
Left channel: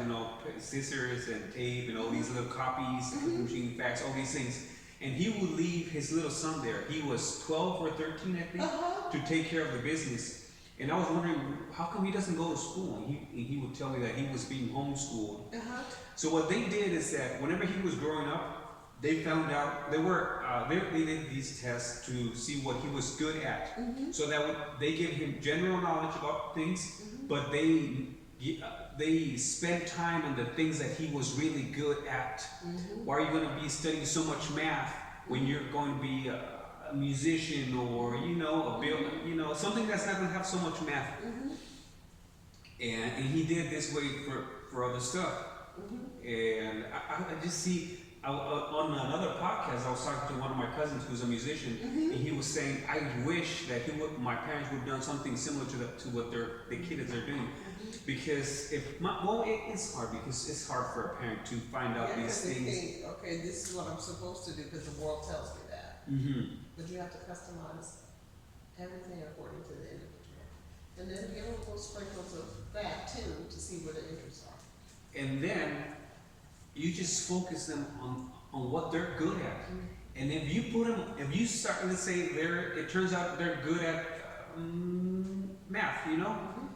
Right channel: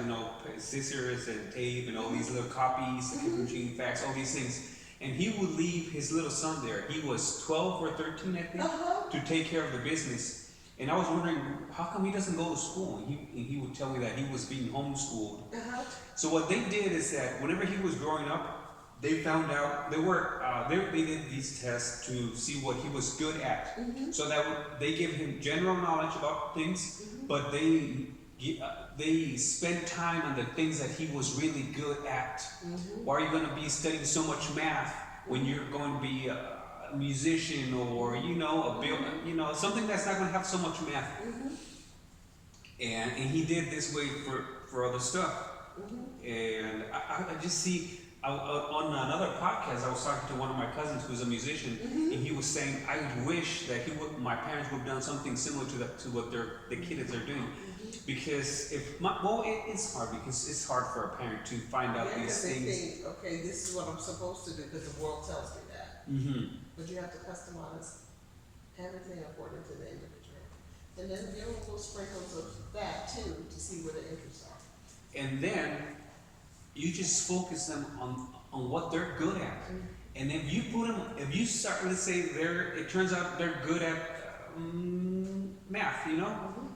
scissors and tape and all these little copies, machine fax, all these things. And he would leave his little son there. He was 12 or 13, I think, to take care of the business. And I was wondering, how come he doesn't go to school? And he would tell me that he was being homeschooled. Uh-huh. So what they did is that whenever he was growing up, they found out they did these tests to see what he was good at. So that they give him general knowledge about things, but they spend time on the things that he was really good at. Why are you going to be studying so much math when you're going to be a musician or something that's not going to have so much math? And he did this way for other stuff. And I just see on another podcast, I was talking to one of my cousins who's a musician, and he was saying, I wish that my parents would have done something similar to what the kids are doing. Because it's hard because it's hard for a parent to find out these things. They think, okay, this is what I'm supposed to do because the world tells me that. But you have to customize everything according to the individual. And then give them little sprinkles of that too to see where the interests are. And then you just focus them on what they're good at. And if you start, let's say it turns out they're good at math,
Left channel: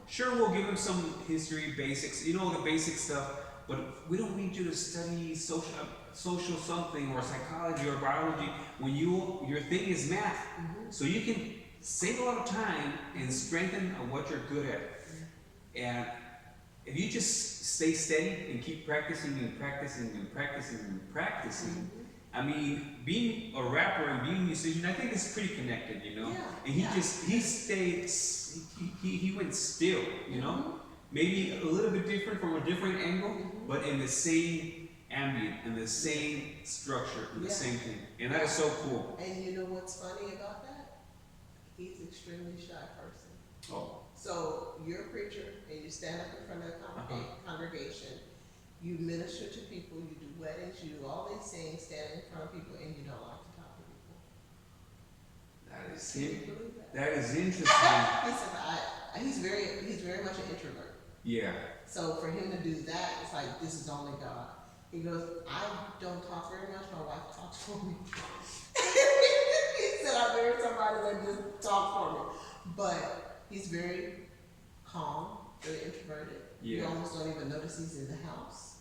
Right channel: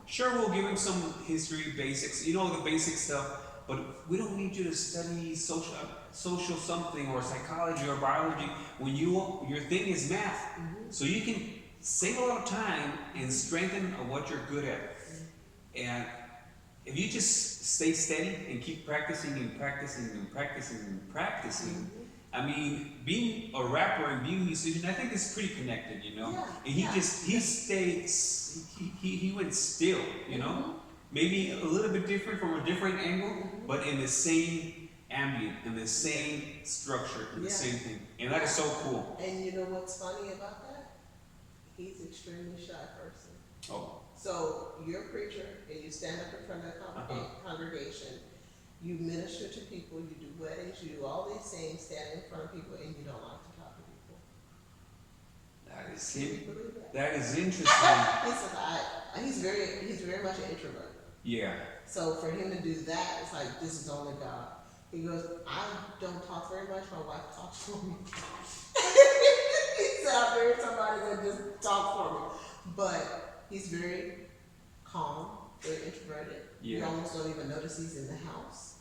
sure, we'll give them some history basics, the basic stuff, but we don't need you to study social something or psychology or biology when your thing is math. So you can save a lot of time and strengthen what you're good at. And if you just stay steady and keep practicing and practicing and practicing and practicing, I mean, being a rapper and being a musician, I think it's pretty connected, Yeah, And he stayed, he went still, maybe a little bit different from a different angle, but in the same ambient, in the same structure, in the same thing. And that is so cool. And you know what's funny about that? He's an extremely shy person. Oh. So you're a preacher and you stand up in front of a congregation, you minister to people, you do weddings, you do all these things, standing in front of people, and you don't like to talk to people. Can you believe that? That is interesting. He said, he's very much an introvert. Yeah. So for him to do that, it's like, this is only God. He goes, I don't talk very much, my wife talks for me. He said, I married somebody that just talks for me. But he's very calm, very introverted. Yeah. You almost don't even notice he's in the house.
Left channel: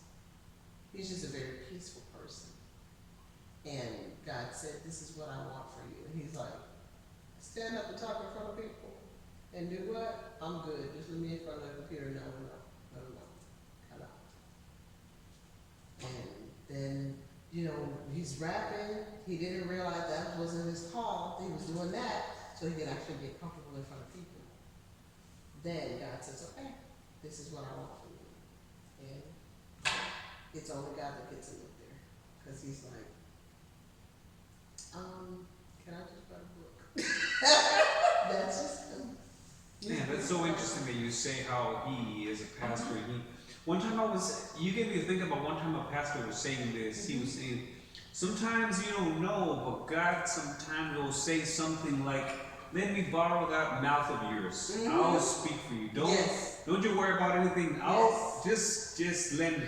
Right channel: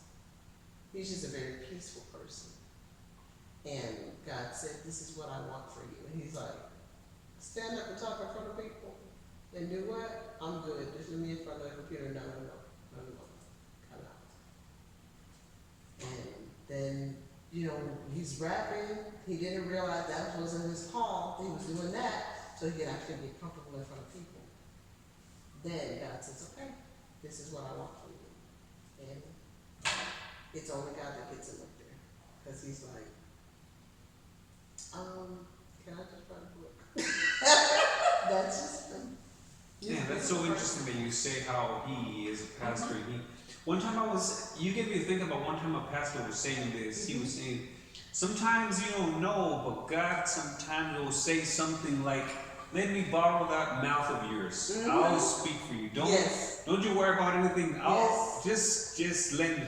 He's just a very peaceful person. And God said, this is what I want for you. And he's like, stand up and talk in front of people. And do what? I'm good. Just leave me in front of the computer. No. Cut out. And then, he's rapping. He didn't realize that wasn't his call. He was doing that so he could actually get comfortable in front of people. Then God says, okay, this is what I want from you. And it's only God that gets him up there. Because he's like, can I just write a book? That's just him. Yeah, that's so interesting that you say how he is a pastor. You get me to think about one time a pastor was saying this. He was saying, sometimes you don't know, but God sometimes will say something like, let me borrow that mouth of yours. I'll speak for you. Don't you worry about anything. I'll just lend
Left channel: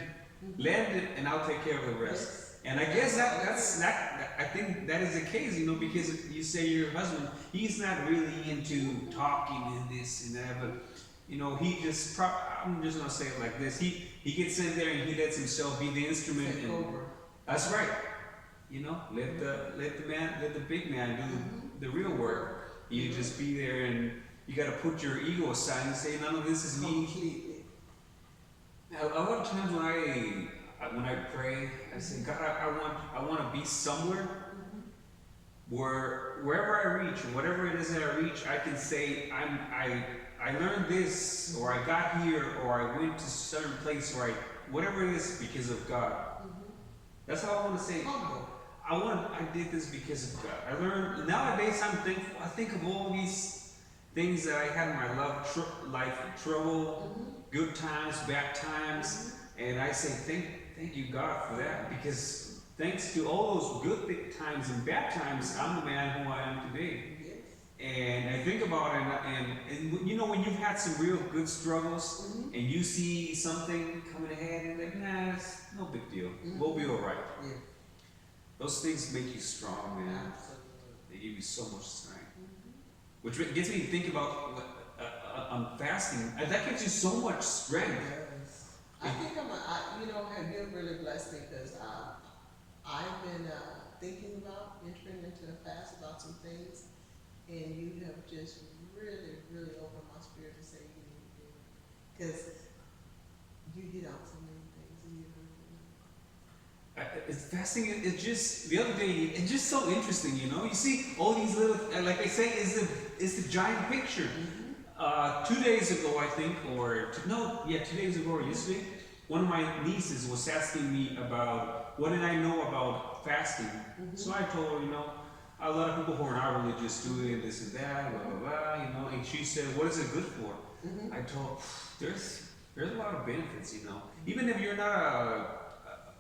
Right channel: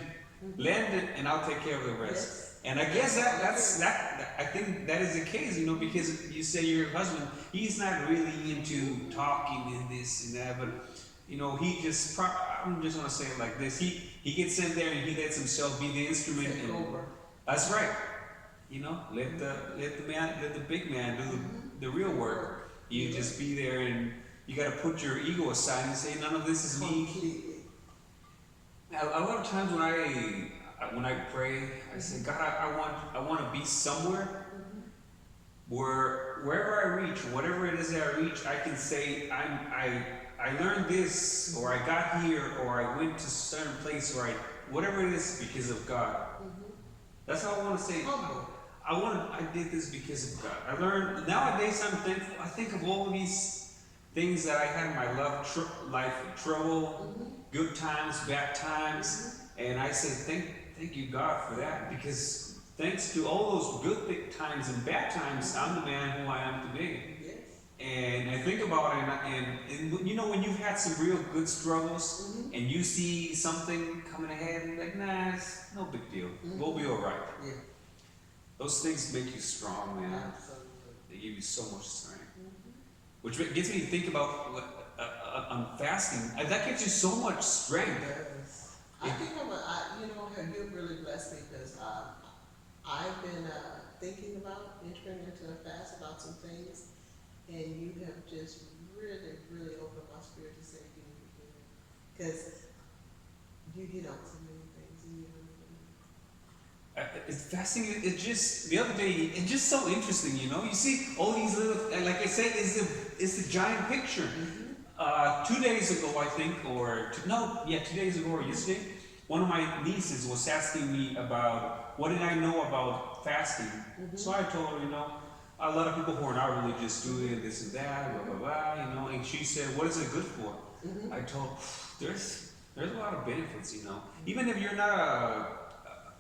it and I'll take care of the rest. And I guess I think that is the case, because you say your husband, he's not really into talking and this and that, but I'm just gonna say it like this. He gets in there and he lets himself be the instrument. Take over. That's right. Let the big man do the real work. You just be there and you got to put your ego aside and say, none of this is me. Completely. A lot of times when I pray, I say, God, I want to be somewhere where wherever I reach, whatever it is that I reach, I can say I learned this, or I got here, or I went to a certain place, or whatever it is because of God. That's how I want to say. Humble. I did this because of God. I learned, nowadays I'm thankful. I think of all of these things that I had in my life, trouble, good times, bad times, and I say thank you God for that, because thanks to all those good times and bad times, I'm the man who I am today. Yes. And I think about it, and when you've had some real good struggles, and you see something coming ahead, and you're like, nah, it's no big deal. We'll be all right. Yeah. Those things make you strong, man. Absolutely. They give you so much strength. Which gets me to think about on fasting, that gives you so much strength. Yes. I think you've really blessed me because I've been thinking about entering into a fast about some things, and you have just really, really opened my spirit to say you need to do it. Because you hit on so many things and you don't even know. It's fasting. It just the other day. It's just so interesting, you know. You see all these little, like I say, it's a giant picture. 2 days ago, I think, 2 days ago or yesterday, one of my nieces was asking me about what did I know about fasting. So I told her, a lot of people who are not religious do it, this and that, blah blah blah, and she said, "What is it good for?" I told her, there's a lot of benefits, even if you're not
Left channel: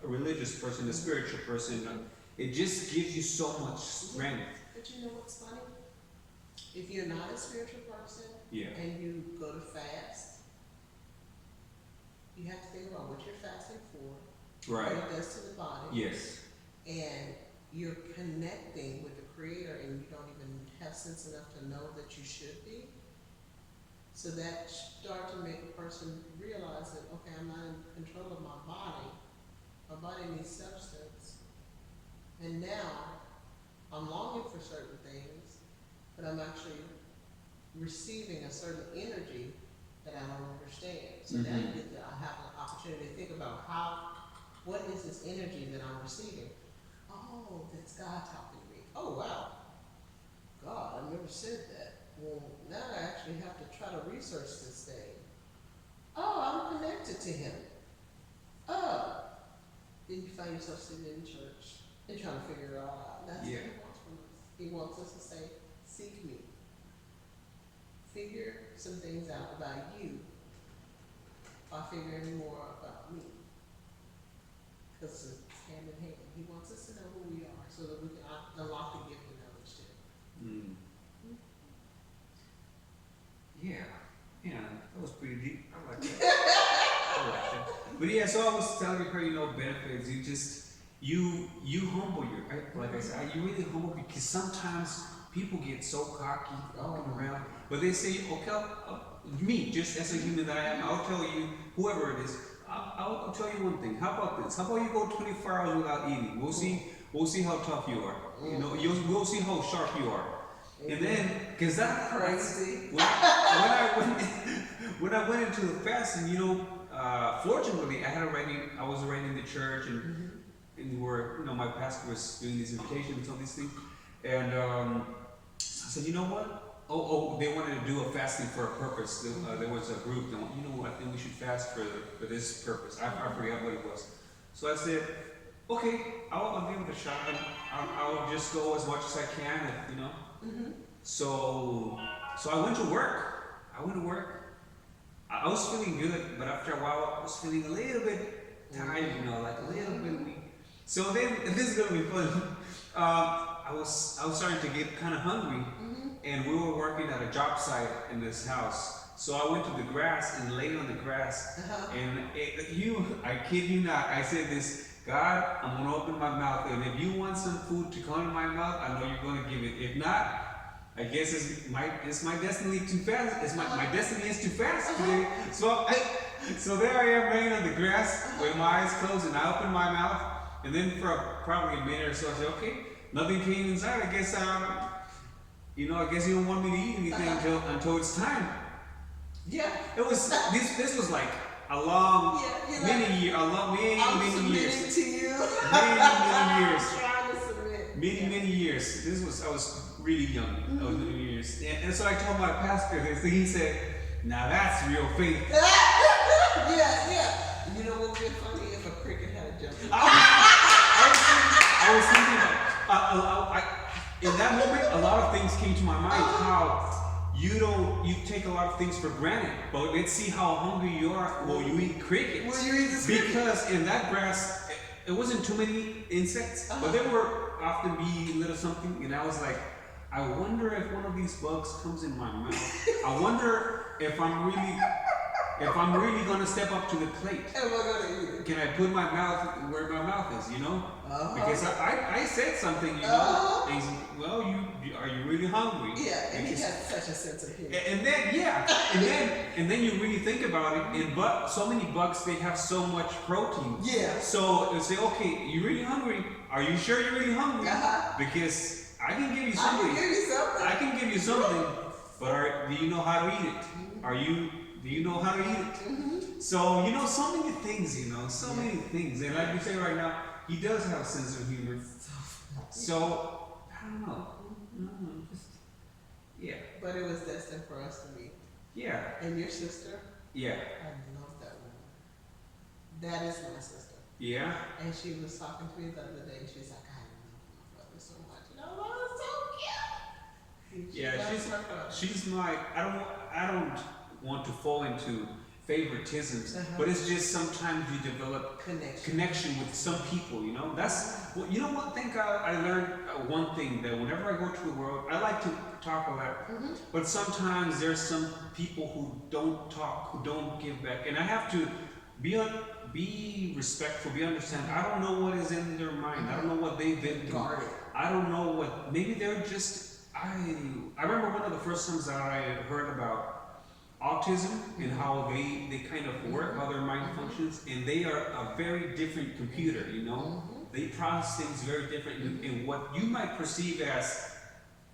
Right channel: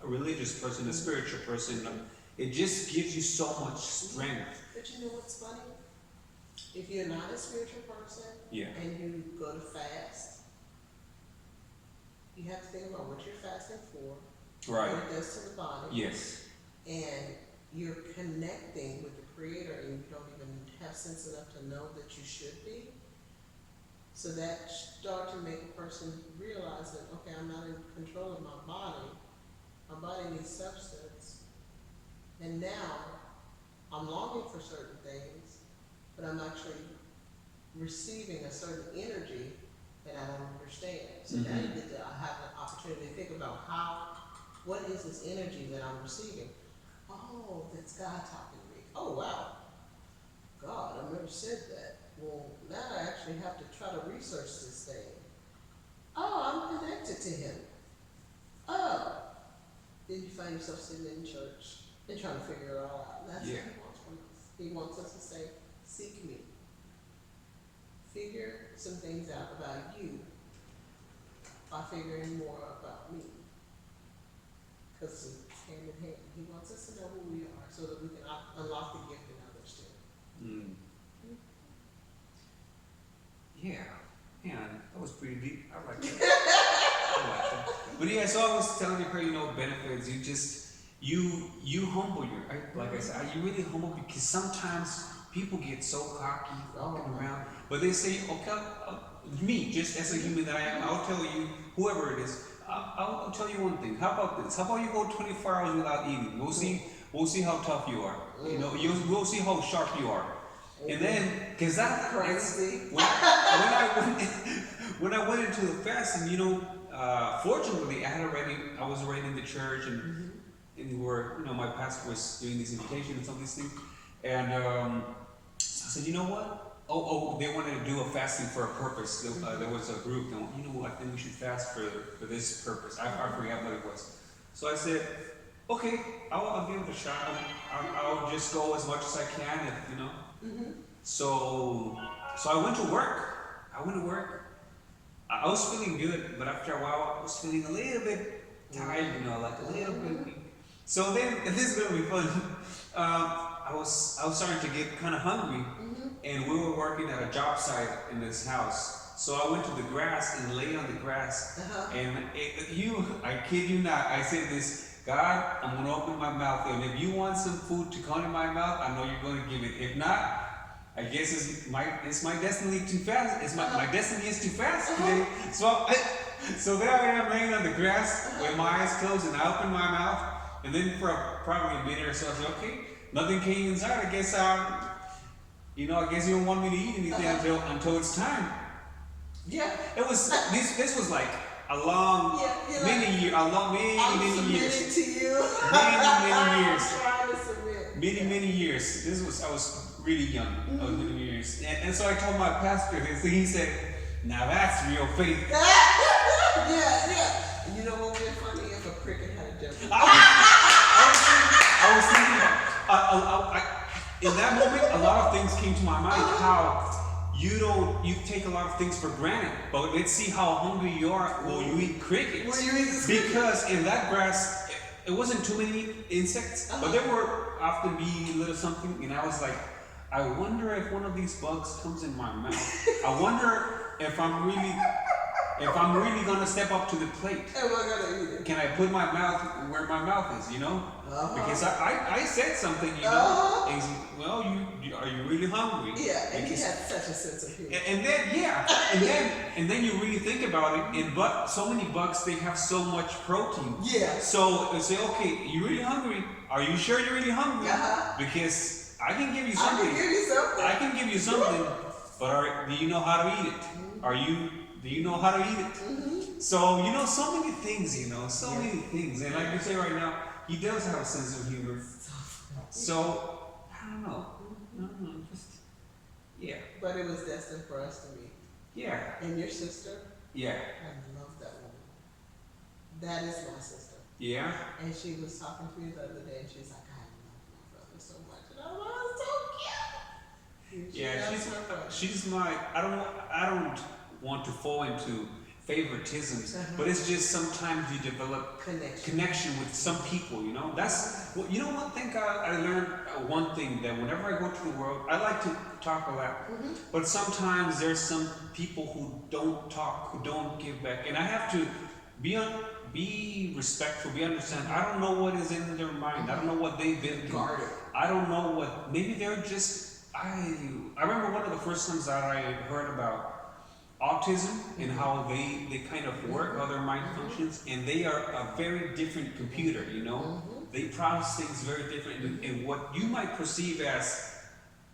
a religious person, a spiritual person, it just gives you so much strength. But you know what's funny? If you're not a spiritual person, yeah, and you go to fast, you have to think about what you're fasting for, right? What it does to the body. Yes. And you're connecting with the Creator, and you don't even have sense enough to know that you should be. So that start to make a person realize that, okay, I'm not in control of my body. My body needs substance. And now I'm longing for certain things, but I'm actually receiving a certain energy that I don't understand. So now you get to have an opportunity to think about what is this energy that I'm receiving? Oh, that's God talking to me. Oh, wow. God, I've never said that. Well, now I actually have to try to research this thing. Oh, I'm connected to Him. Oh. Then you find yourself sitting in church and trying to figure it all out. That's what He wants from us. He wants us to say, seek me. Figure some things out about you by figuring more about me. Because it's hand in hand. He wants us to know who we are so that we can unlock the gift in others too. Yeah, that was pretty deep. I like that. But yeah, so I was telling her, benefits. You humble like I said, you really humble because sometimes people get so cocky walking around. But they say, okay, me, just as a human that I am, I'll tell you, whoever it is, I'll tell you one thing. How about this? How about you go 24 hours without eating? We'll see how tough you are. We'll see how sharp you are. And then, because that's crazy. When I went into the fasting, fortunately, I was already in the church, and where my pastor was doing these invitations and these things, and so I said, you know what? They wanted to do a fasting for a purpose. There was a group that, I think we should fast for this purpose. I forget what it was. So I said, okay, I'll give it a shot. I'll just go as much as I can, and, So I went to work. I was feeling good, but after a while, I was feeling a little bit tired, like a little bit weak. So then, if this is gonna be fun, I was starting to get kind of hungry, and we were working at a job site in this house. So I went to the grass and laid on the grass, and I kid you not, I said this. God, I'm gonna open my mouth, and if you want some food to come in my mouth, I know you're gonna give it. If not, I guess it's my destiny to fast. My destiny is to fast today. So there I am laying on the grass with my eyes closed, and I opened my mouth, and then for probably a minute or so, I said, okay, nothing came inside. I guess you don't want me to eat anything until it's time. Yeah, it was this was like a long, many years. To you. Many years. Trying to submit. Many years. I was really young. I was many years. And so I told my pastor this, and he said, now that's real faith. Yeah. You know what would be funny if a cricket had a jump? I was thinking that in that moment, a lot of things came to my mind. How you take a lot of things for granted, but let's see how hungry you are. Will you eat crickets? Because in that grass, it wasn't too many insects, but there were often be a little something, and I was like, I wonder if one of these bugs comes in my mouth. I wonder if I'm really gonna step up to the plate. Am I gonna eat it? Can I put my mouth where my mouth is? Because I said something, and he's, well, are you really hungry? Yeah, and he Because has such a sense of humor. and then and then you really think about it, and but so many bugs, they have so much protein. Yeah. So they say, okay, you really hungry? Are you sure you're really hungry? Because I can give you something. I can give you something, but do you know how to eat it? Do you know how to eat it? So so many things, so many things, and like you say right now, he does have a sense of humor. So I don't know. Just yeah. But it was destined for us to meet. Yeah. And your sister? Yeah. I love that woman. That is my sister. Yeah. And she was talking to me the other day, and she's like, I love my brother so much. And I was like, oh, so cute. Yeah, she's my I don't want to fall into favoritisms, but it's just sometimes you develop connection with some people, That's well, one thing I learned, one thing, that whenever I go to the world, I like to talk a lot, but sometimes there's some people who don't talk, who don't give back, and I have to be respectful, be understand. I don't know what is in their mind. I don't know what they've been through. I don't know what, maybe they're just, I remember one of the first times that I heard about autism and how they kind of work, how their mind functions, and they are a very different computer, They process things very different, and what you might perceive as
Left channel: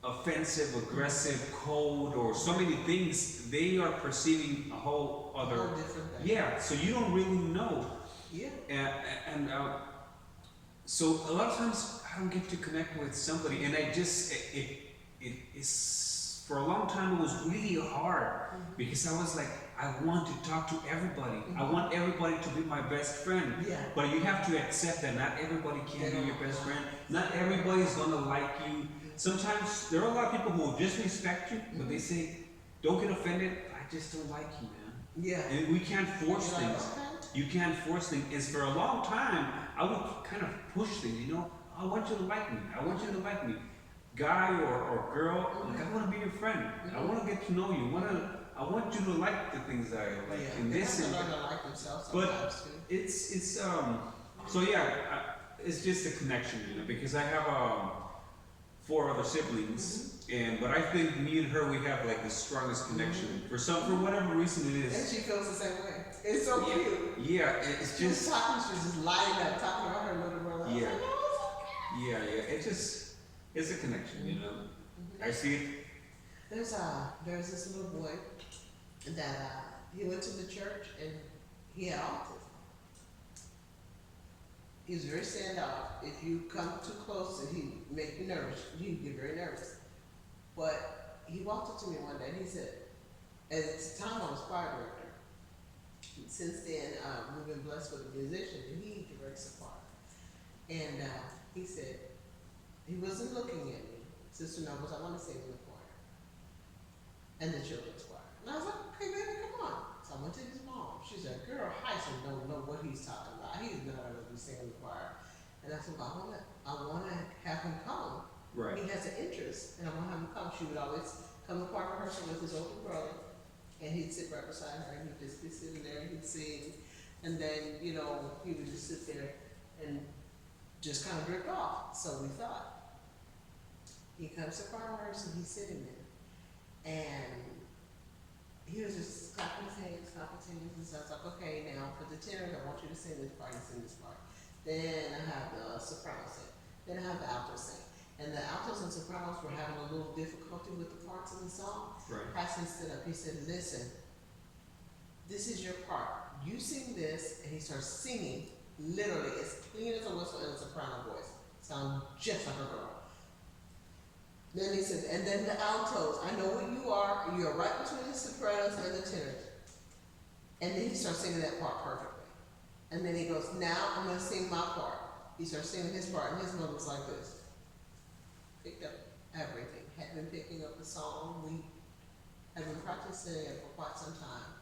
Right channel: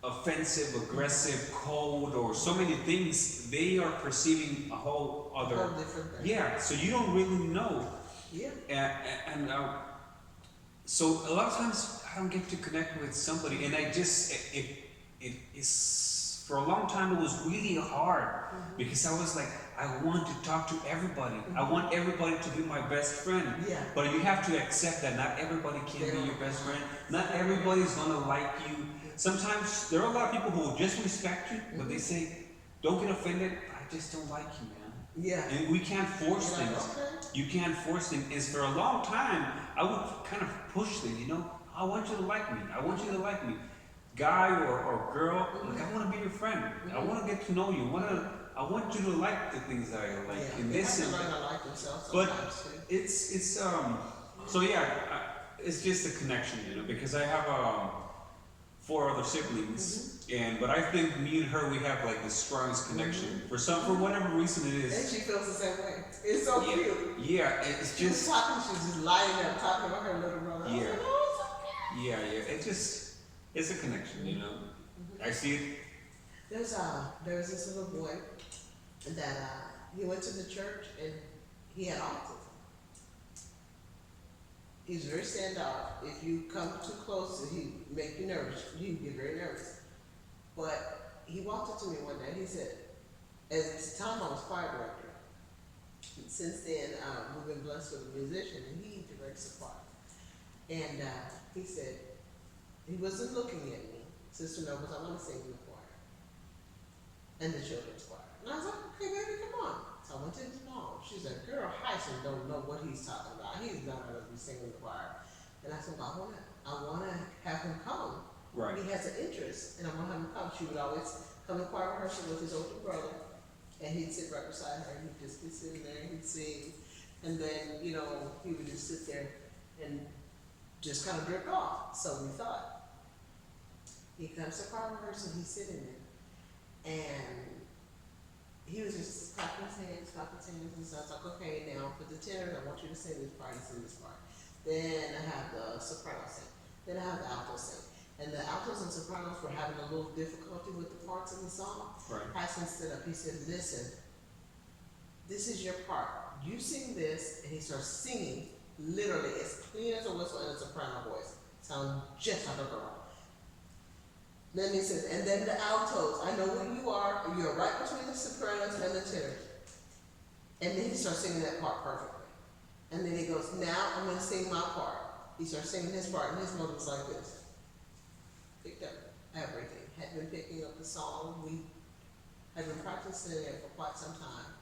offensive, aggressive, cold, or so many things, they are perceiving a whole other different thing. Yeah, so you don't really know. Yeah. And so a lot of times I don't get to connect with somebody, and I just it is, for a long time it was really hard, because I was like, I want to talk to everybody. I want everybody to be my best friend. Yeah. But you have to accept that not everybody can be your best friend. Not everybody's gonna like you. Sometimes there are a lot of people who will just respect you, but they say, don't get offended, I just don't like you, man. Yeah. And we can't force things. Like, okay. You can't force things. And for a long time, I would kind of push things, I want you to like me. I want you to like me. Guy or girl, like, I want to be your friend. I want to get to know you. I want you to like the things that I like. Yeah. And they this have to and learn to like themselves but sometimes too. it's so yeah, it's just a connection, because I have 4 other siblings, but I think me and her, we have like the strongest connection. For whatever reason it is. And she feels the same way. It's so cute. Yeah, it's She was just talking, she was just lighting up, talking about her little brother. I was like, oh, it's okay. It's a connection, I see it. There's this little boy that he went to the church, and he had autism. He's very standoff. If you come too close, he make you nervous. You get very nervous. But he walked up to me one day and he said, at the time I was choir director. Since then, we've been blessed with a musician, and he directs the choir. And he said, he wasn't looking at me. Sister Nobles, I want to sing in the choir. And the children's choir. And I was like, okay, baby, come on. So I went to his mom. She said, girl, Hyson don't know what he's talking about. He's not going to be singing in the choir. And I said, well, I want to have him come. Right. He has an interest, and I want to have him come. She would always come to choir rehearsal with his older brother, and he'd sit right beside her, and he'd just be sitting there, and he'd sing. And then, he would just sit there and just kind of drift off. So we thought, he comes to choir rehearsal, he's sitting there, and he was just clapping his hands, and so I was like, okay, now for the tenors, I want you to sing this part, you sing this part. Then I have the soprano sing. Then I have the alto sing. And the altos and sopranos were having a little difficulty with the parts in the song. Right. Hassan stood up, he said, listen, this is your part. You sing this, and he starts singing, literally, as clean as a whistle in a soprano voice. Sound just like a girl. Then he said, and then the altos, I know what you are. You're right between the sopranos and the tenors. And then he starts singing that part perfectly. And then he goes, now I'm going to sing my part. He starts singing his part, and his mother was like this. Picked up everything. Had been picking up the song. We had been practicing it for quite some time.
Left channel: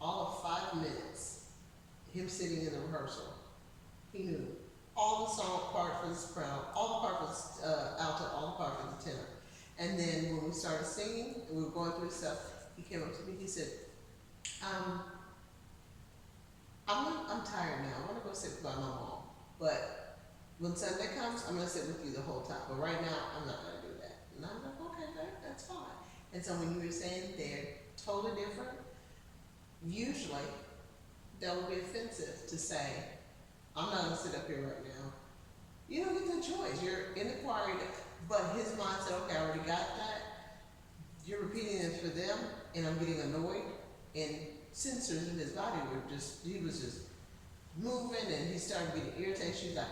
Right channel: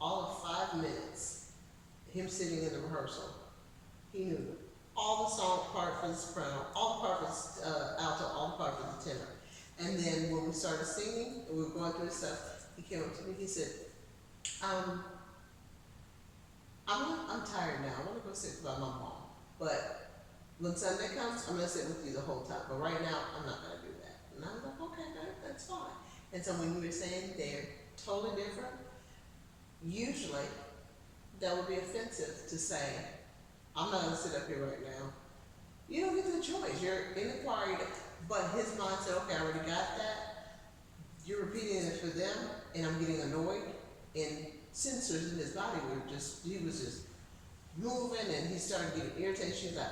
All of 5 minutes, him sitting in the rehearsal, he knew all the song part for the soprano, all the part for the alto, all the part for the tenor. And then when we started singing, and we were going through the stuff, he came up to me, he said, I'm tired now. I want to go sit by my mom. But when Sunday comes, I'm gonna sit with you the whole time. But right now, I'm not gonna do that. And I was like, okay, that's fine. And so when you were saying they're totally different, usually that would be offensive to say, I'm not gonna sit up here right now. You don't get the choice. You're in the choir, but his mind said, okay, I already got that. You're repeating it for them, and I'm getting annoyed. And sensors in his body were just, he was just moving, and he started getting irritated. She was like,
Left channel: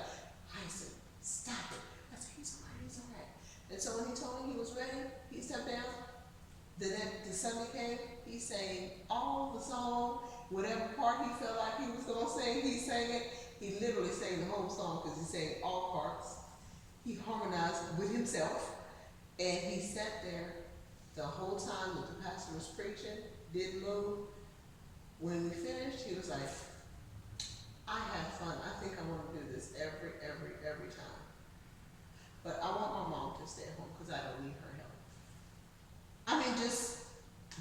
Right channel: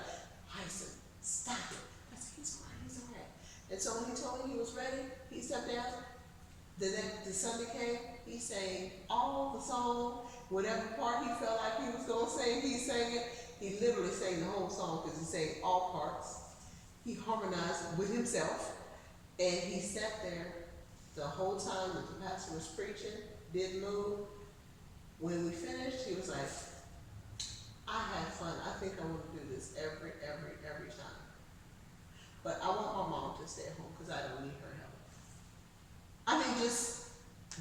Hyson, stop it. I said, he's all right. And so when he told me he was ready, he stepped down. The Sunday came, he sang all the song, whatever part he felt like he was gonna sing, he sang it. He literally sang the whole song because he sang all parts. He harmonized with himself, and he sat there the whole time that the pastor was preaching, didn't move. When we finished, he was like, I had fun. I think I want to do this every time. But I want my mom to stay at home because I don't need her help. I mean, just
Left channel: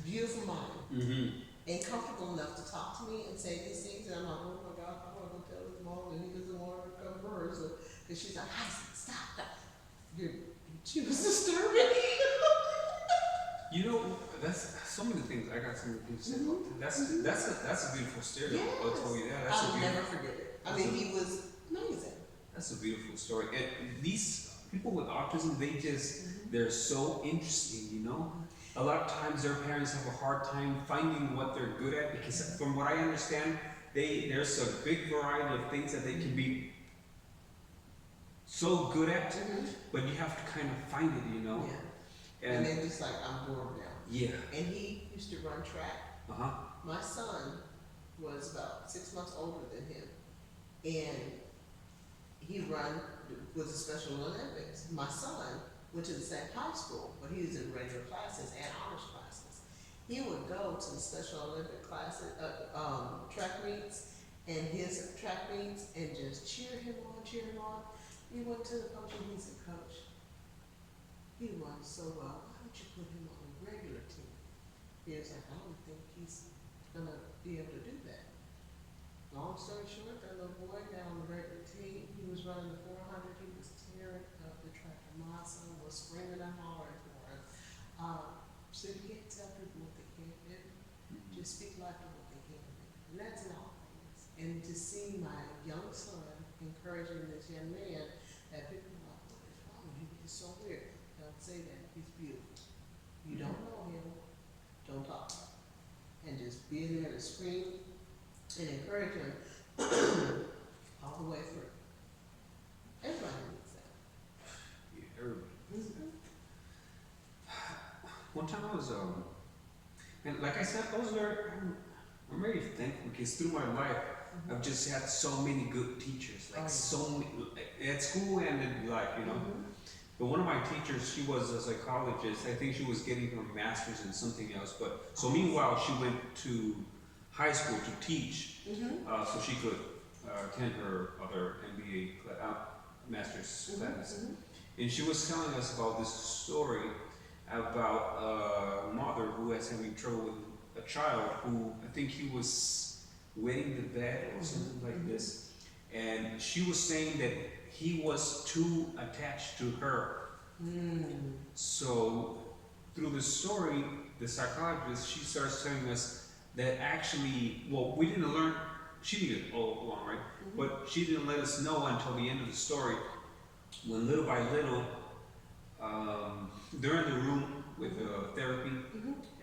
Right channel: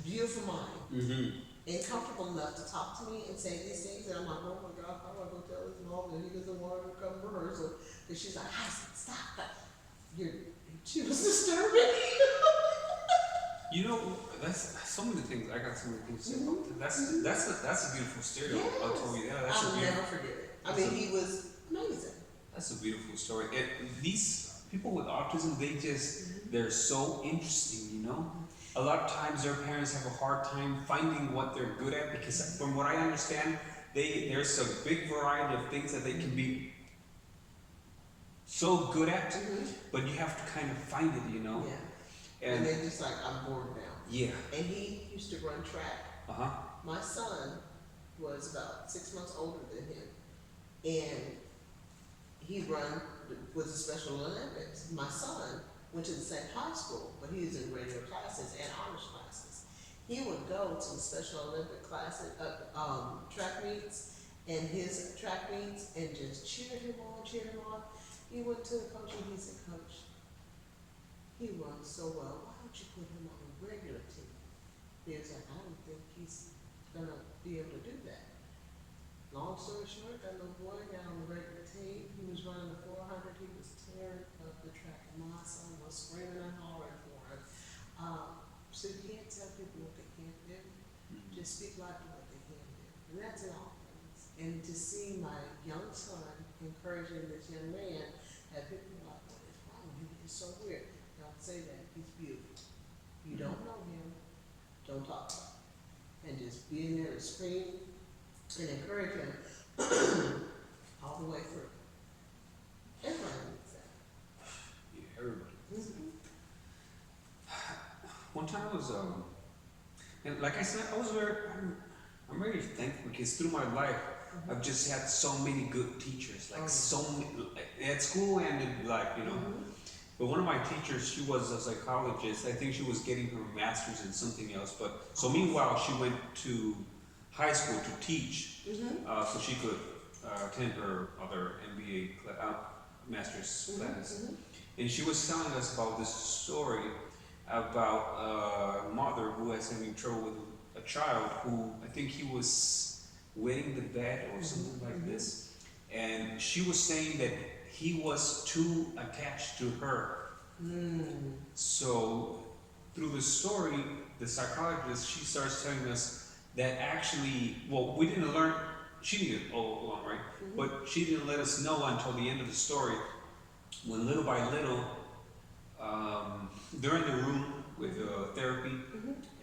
beautiful mom. Mm-hmm. And comfortable enough to talk to me and say these things. And I'm like, oh my God, how am I going to tell his mom that he doesn't want her to come to rehearsal? And she's like, stop that. She was disturbing. You know, that's so many things. I got so many things to say about that. That's a beautiful story. Yes. I'll tell you that. I'll never forget it. I mean, he was amazing. That's a beautiful story. And these people with autism, they're so interesting, you know? A lot of times their parents have a hard time finding what they're good at because from what I understand, there's a big variety of things that they can be so good at, but you have to kind of find it, you know? Yeah. And they just like, I'm bored now. Yeah. And he used to run track. Uh-huh. My son was about 6 months older than him. And he run with the Special Olympics. My son went to the same high school, but he was in regular classes and honors classes. He would go to the Special Olympic classes, track meets, and his track meets, and just cheer him on. He went to the coach and he said, Coach, he runs so well. Why don't you put him on a regular team? He was like, I don't think he's gonna be able to do that. Long story short, that little boy got on the regular team. He was running the 400. He was tearing up the track, and my son was screaming and hollering for him. So you can't tell people what they can't do. Just speak life to what they can do, and that's in all things. And to see my young son encouraging this young man, that people are like, what is wrong with him? He's so weird. Don't say that. He's beautiful. You don't know him. Don't talk about him. And just being there to scream and encourage him all the way through. Everybody needs that. Yeah, everybody needs that. One time I was, and like I said, I'm very thankful because through my life, I've just had so many good teachers, like so many, at school and in life, you know. But one of my teachers, she was a psychologist. I think she was getting her master's in something else. But so meanwhile, she went to high school to teach, so she could attend her other MBA master's classes. And she was telling us about this story about a mother who was having trouble with a child who I think he was wetting the bed or something like this. And she was saying that he was too attached to her. So through the story, the psychologist, she starts telling us that actually, well, we didn't learn, she knew it all along, right? But she didn't let us know until the end of the story, when little by little, they're in the room with therapy,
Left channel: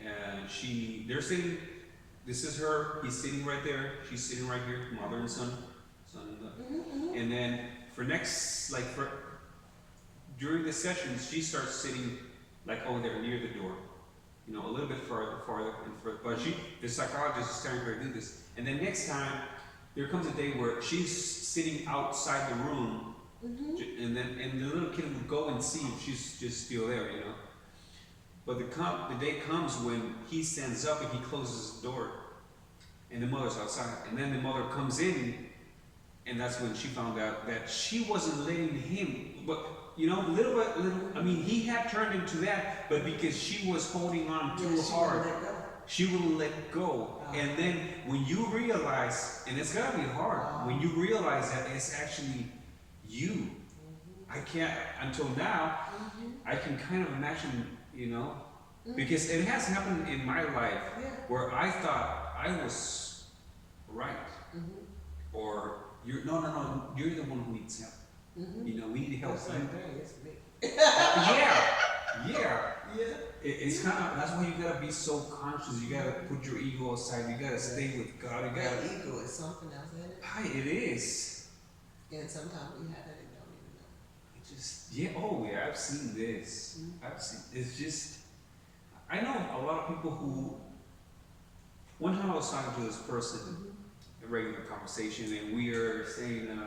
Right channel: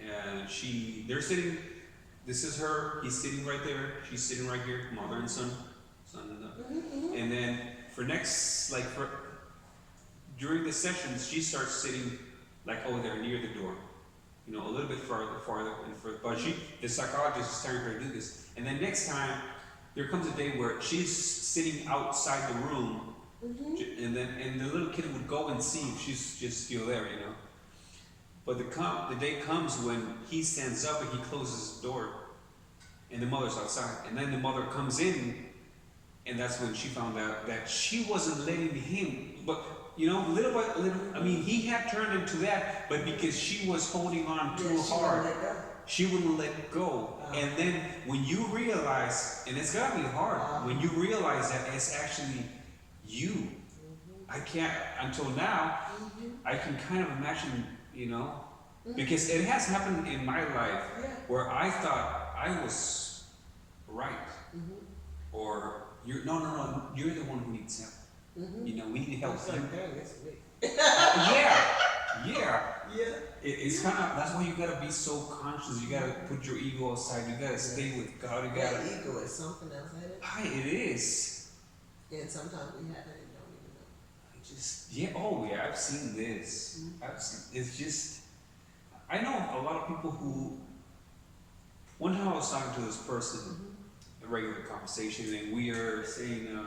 and they're sitting, this is her, he's sitting right there, she's sitting right here, mother and son and then during the sessions, she starts sitting like over there near the door, you know, a little bit farther and further, but the psychologist is telling her to do this, and then next time, there comes a day where she's sitting outside the room, and the little kid would go and see if she's just still there, you know. But the day comes when he stands up and he closes the door, and the mother's outside, and then the mother comes in, and that's when she found out that she wasn't letting him, but you know, little by little, I mean, he had turned into that, but because she was holding on too hard, she wouldn't let go. And then when you realize, and it's gotta be hard, when you realize that it's actually you. I can't until now. I can kind of imagine, because it has happened in my life Yeah. where I thought I was right, or you're no, you're the one who needs help. We need help. Same thing, it's me. Yeah, yeah. Yeah. It's kind of, that's why you gotta be so conscious. You gotta put your ego aside. You gotta stay with God. You gotta. That ego is something else, ain't it? Hi, it is. And sometimes we have it and don't even know. Oh yeah, I've seen this. It's just, I know a lot of people who, one time I was talking to this person, a regular conversation, and we are saying,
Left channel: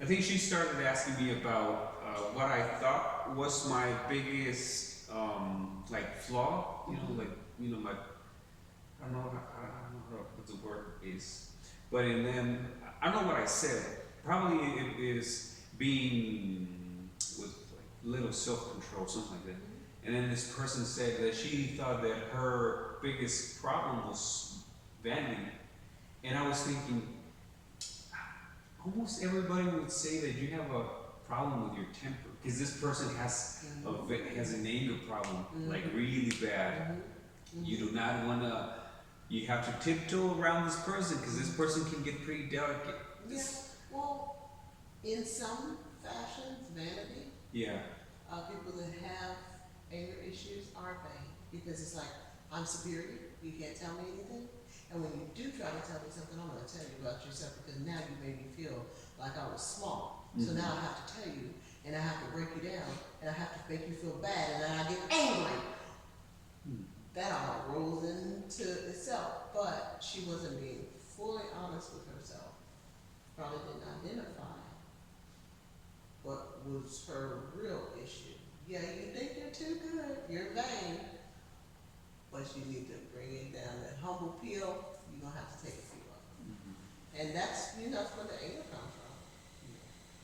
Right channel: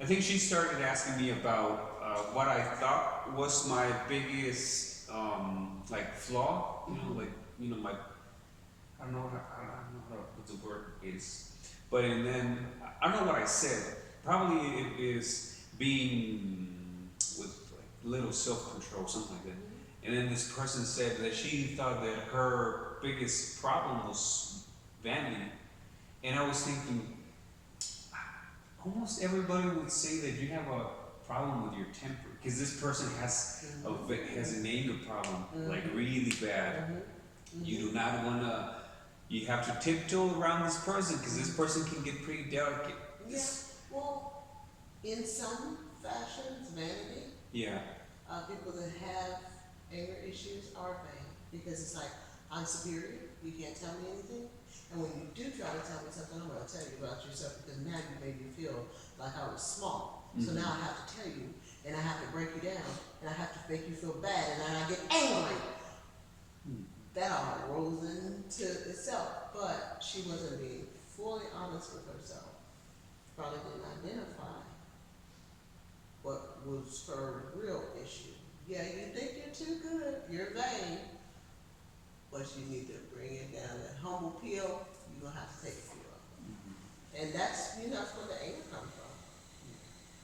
I think she started asking me about what I thought was my biggest, like flaw, my, I don't know what the word is, but and then, I don't know what I said, probably it is being with like little self-control, something like that. And then this person said that she thought that her biggest problem was vanity. And I was thinking, almost everybody would say that you have a problem with your temper. Because this person has an anger problem, like really bad. You do not want to, you have to tiptoe around this person because this person can get pretty delicate. Yeah, well, in some fashions, vanity. Yeah. People that have anger issues are vain because it's like, I'm superior, you can't tell me anything. And when you do try to tell me something, I'm going to tell you about yourself because now you made me feel like I was small. So now I have to tell you, and I have to break you down, and I have to make you feel bad, and then I get angry. That all rolls into itself, but she wasn't being fully honest with herself. Probably didn't identify what was her real issue. Yeah, you think you're too good, you're vain, but you need to bring it down. That humble peel, you're going to have to take a few of them. And that's where the anger comes from.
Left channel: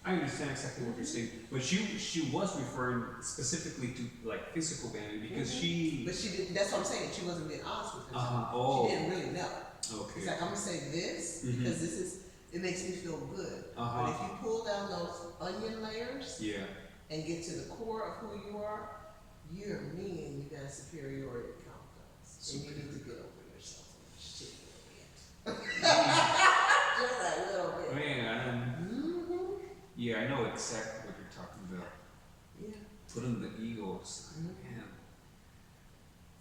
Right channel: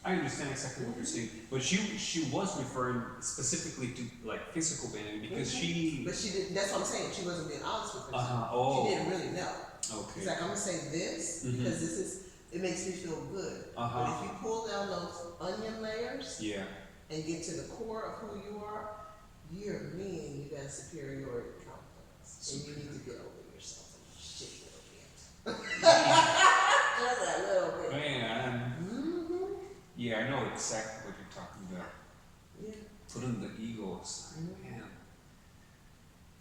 I understand exactly what you're saying, but she was referring specifically to like physical vanity because But she didn't, that's what I'm saying, she wasn't being honest with herself. She didn't really know. Okay. It's like, I'm going to say this because this is, it makes me feel good. But if you pull down those onion layers and get to the core of who you are, you're mean, you got a superiority complex. And you need to get over yourself just a little bit. Just a little bit. Yeah, I know exactly what you're talking about. Yeah. Putting the ego aside, man.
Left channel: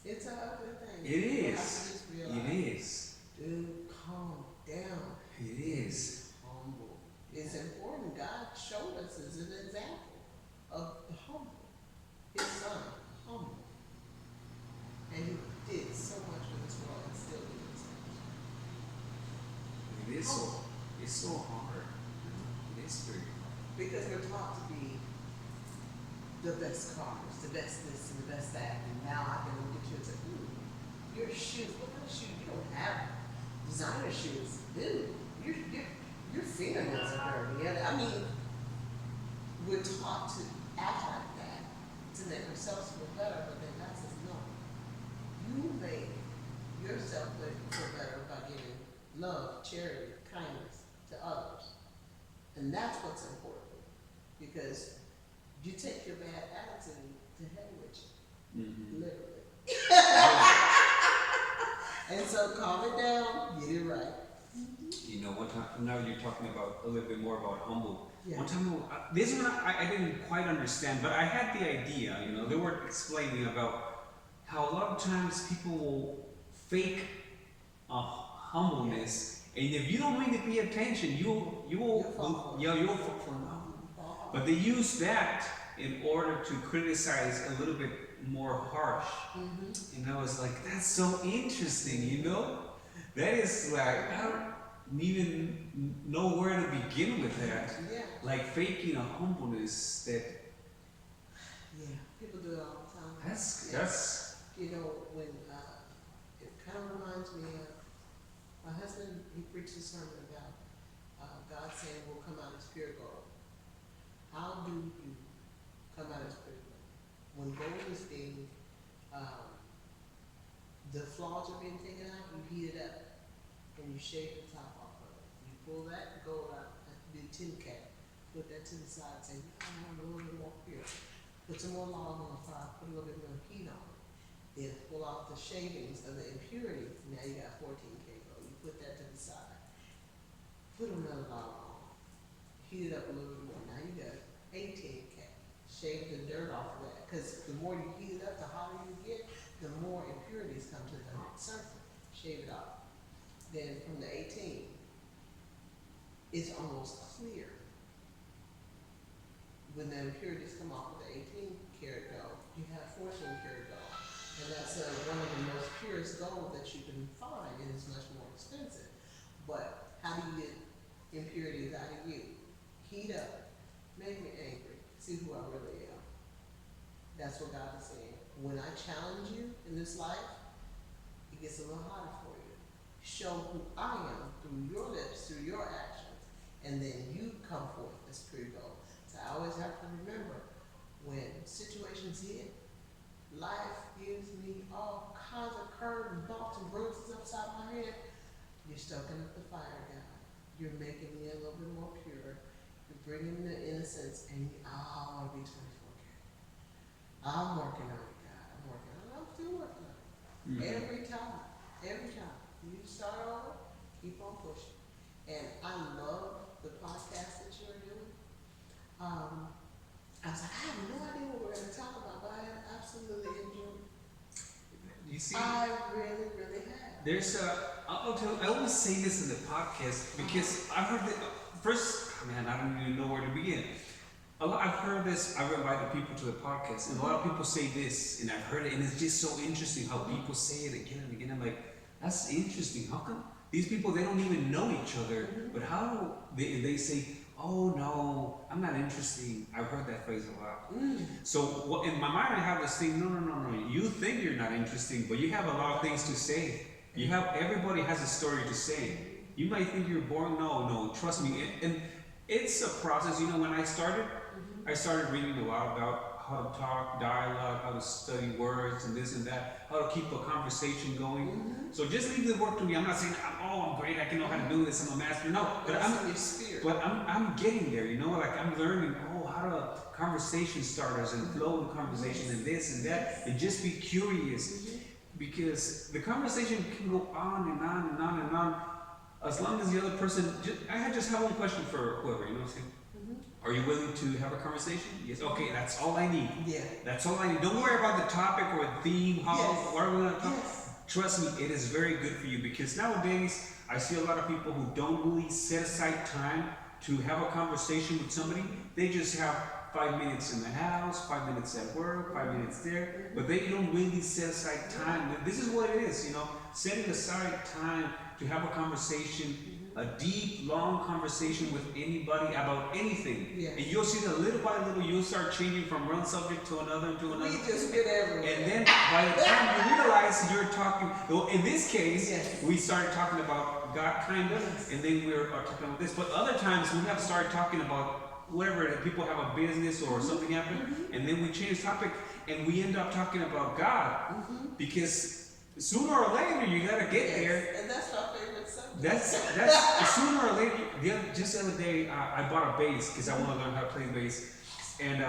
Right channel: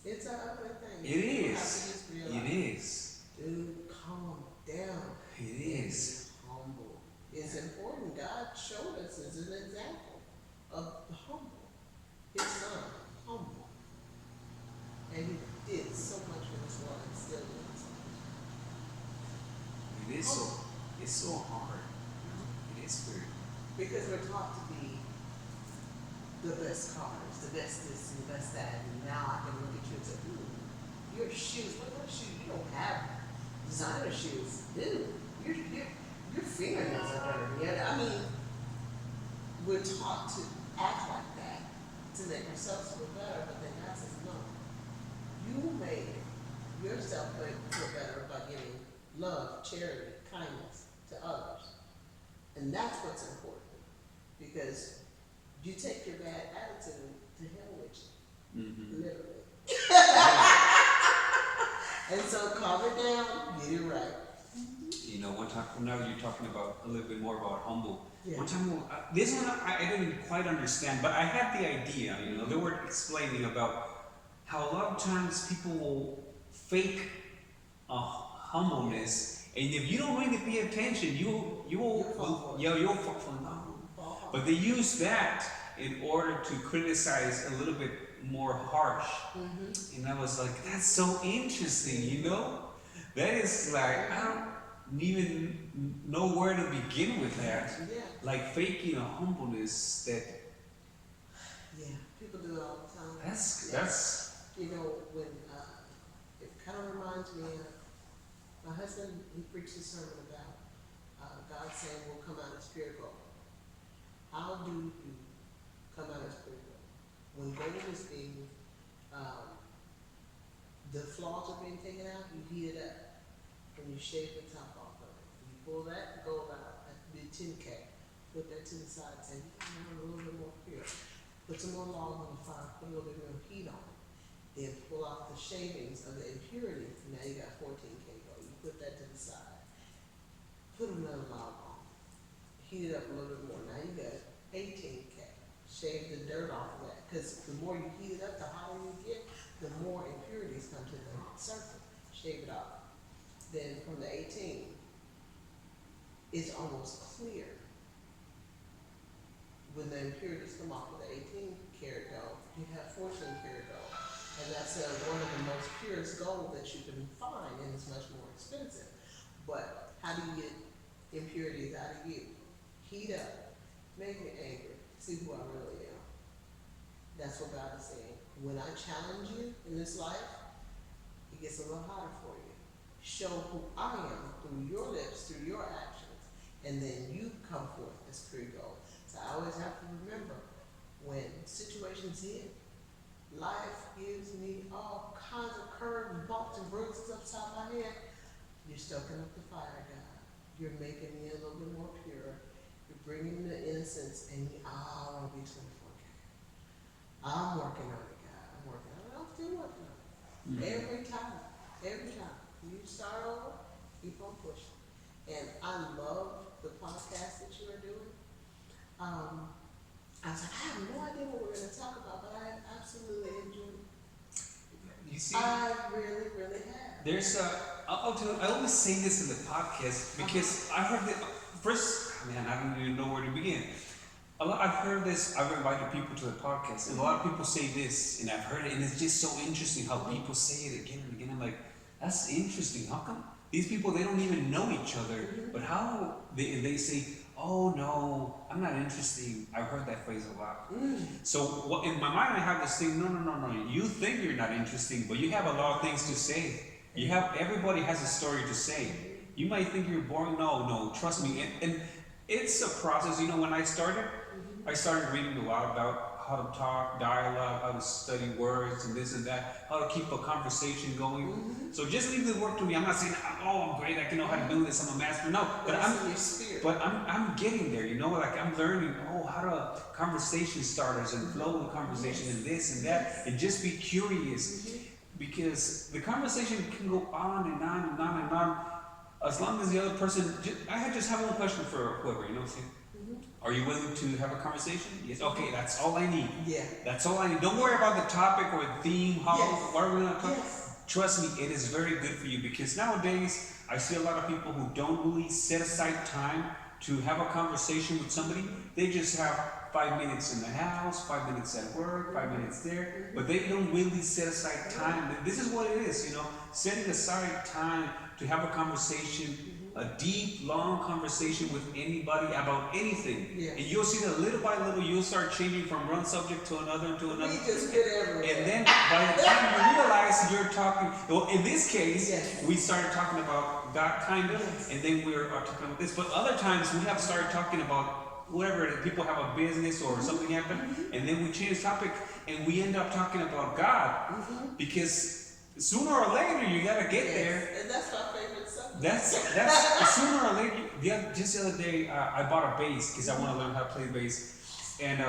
It's an ugly thing. It You is. have to just realize, It is. dude, calm down. It is. Humble. It's important. God showed us as an example of the humble. His son, humble. And he did so much for this world and still doing so much. It is it's so hard. It is very hard. Because we're taught to be the best cars, the best this and the best that, and now I can look at you and say, your shoes, what kind of shoes? You don't have designer shoes. Dude, your fingernails are dirty. I mean, we're taught to act like that to make ourselves feel better, but then God says, no. You make yourself feel better by giving love, charity, kindness to others. And that's what's important. Because you take your bad attitude to hell with you. Literally. And so calm it down, get it right. One time, now you're talking about a little bit more about humble. Yeah. One time, this one I didn't quite understand, but I had the idea, they were explaining about how a lot of times people will fake humbleness, and if you don't really pay attention, you'll fall from that. But they use that in order to criticize a little bit more harsh. And I was like, that's so interesting, That is like, I don't even know where to begin with that. Yeah. Like faking a humbleness that. Yeah, people do it all the time. That's. When it kind of reminds me of my husband. He preached a sermon about God saying we'll come out as pure gold. How do you come out as pure gold? When gold is being, the flaws are being taken out, you heat it up and you shave the top off of it. You pull that gold out, that could be a tin cap, put that to the side, say, I'm a little bit more pure. Put some more log on the fire, put a little bit more heat on it. Then pull off the shavings of the impurities. Now you got 14 kg. You put that to the side. Put another log on. Heat it up a little bit more. Now you got 18 K. Shave the dirt off of that. Because the more you heat it up, the hotter you get, the more impurities come to the surface. Shave it off. Then from the 18, it's almost clear. When the impurities come off of the 18 karat gold, you have 14 karat gold. And that's one of the most purest gold that you can find, and it's much more expensive. But how do you get impurities out of you? Heat up, make me angry, see who I really am. That's what God is saying. When I challenge you in this life, it gets a little hotter for you. Show who I am through your lips, through your actions, and then you come forth as pure gold. So I always have to remember, when situations hit, life gives me all kinds of curves and bumps and bruises upside my head. You're stoking up the fire, God. You're making me a little bit more pure. You're bringing the innocence, and I want to be 24K. I'm working on it, God. I'm working on it. I'm still working on it. Every time. You start over, keep on pushing. And I love the podcast that you are doing. I was like, I have no idea what we're going to talk about, but I absolutely enjoy it. You see, I really, really have. there's I'll tell you, I always say this in the podcast because I've heard that first, man, I don't even know where to begin. I've heard this, I've invited people to the podcast, and a lot of people say this, and I've heard it, and it's just so interesting how people say it again and again. I'm like, that's interesting. How come these people, they don't even know each other, but how they say, oh no, I'm not interested. I've heard that phrase a lot. So in my mind, I have this thing, no. You think you're not interesting, but you have a lot of things to say. Everybody has a story to say. You might think you're boring. No, trust me. And it's a process. You know, when I started reading a lot about how to talk, dialogue, how to study words and this and that, how to keep a conversation going. So just leave the work to me. I'm not saying, I'm great, I can know how to do this, I'm a master. No, but I'm getting there, you know, like I'm learning, how to conversation starters and flow in conversation and this and that, and just be curious. Because the conversation can go on and on and on and on, as long as the other person, I just have one question for whoever, you know what I'm saying? Are you willing to have a conversation? Yes. Okay, that's all I need. Yeah. That's all I need. Don't worry about the topic or the theme. What are we going to talk? Trust me, it is very good for you, because nowadays I see a lot of people who don't really set aside time to have a conversation with somebody. They just have 5 minutes in the house, 5 minutes at work, 5 minutes there, but they don't really set aside time. This is what it is, you know, setting aside time to have a conversation, a deep, long conversation with anybody about anything. And you'll see that little by little, you'll start changing from one subject to another. We just get everywhere. And then by the time you realize you're talking, well, in this case, we started talking about God, kind of, and then we're talking about this. But other times we have started talking about whatever, people have a business or something happen, and then we change the topic, and we end up talking about God, because sooner or later you gotta get there. And that's my favorite subject. That's sooner or later. Just the other day, I bought a bass because I want to learn how to play bass, and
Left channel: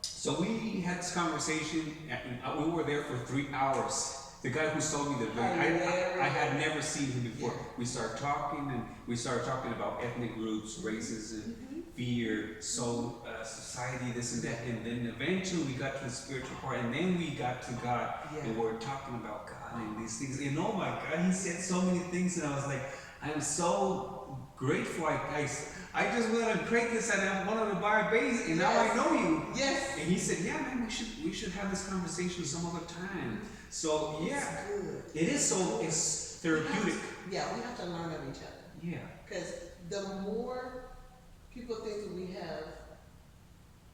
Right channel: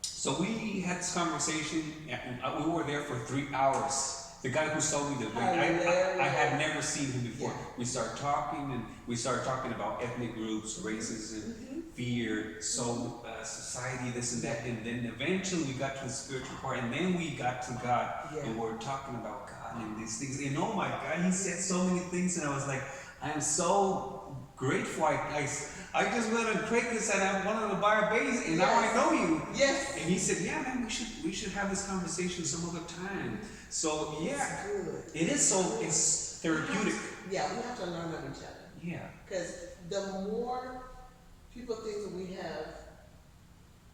so we had this conversation, and we were there for 3 hours. The guy who sold me the bass, I had never seen him before. We started talking, and we started talking about ethnic groups, races, and fear, soul, society, this and that, and then eventually we got to the spiritual part, and then we got to God, and we're talking about God and these things. And oh my God, he said so many things, and I was like, I'm so grateful. I just went on Craigslist and I wanted to buy a bass, and now I know you. Yes. And he said, yeah, man, we should have this conversation some other time. So yeah, it is so, it's therapeutic. We have to learn of each other. Yeah. Because the more people think that we have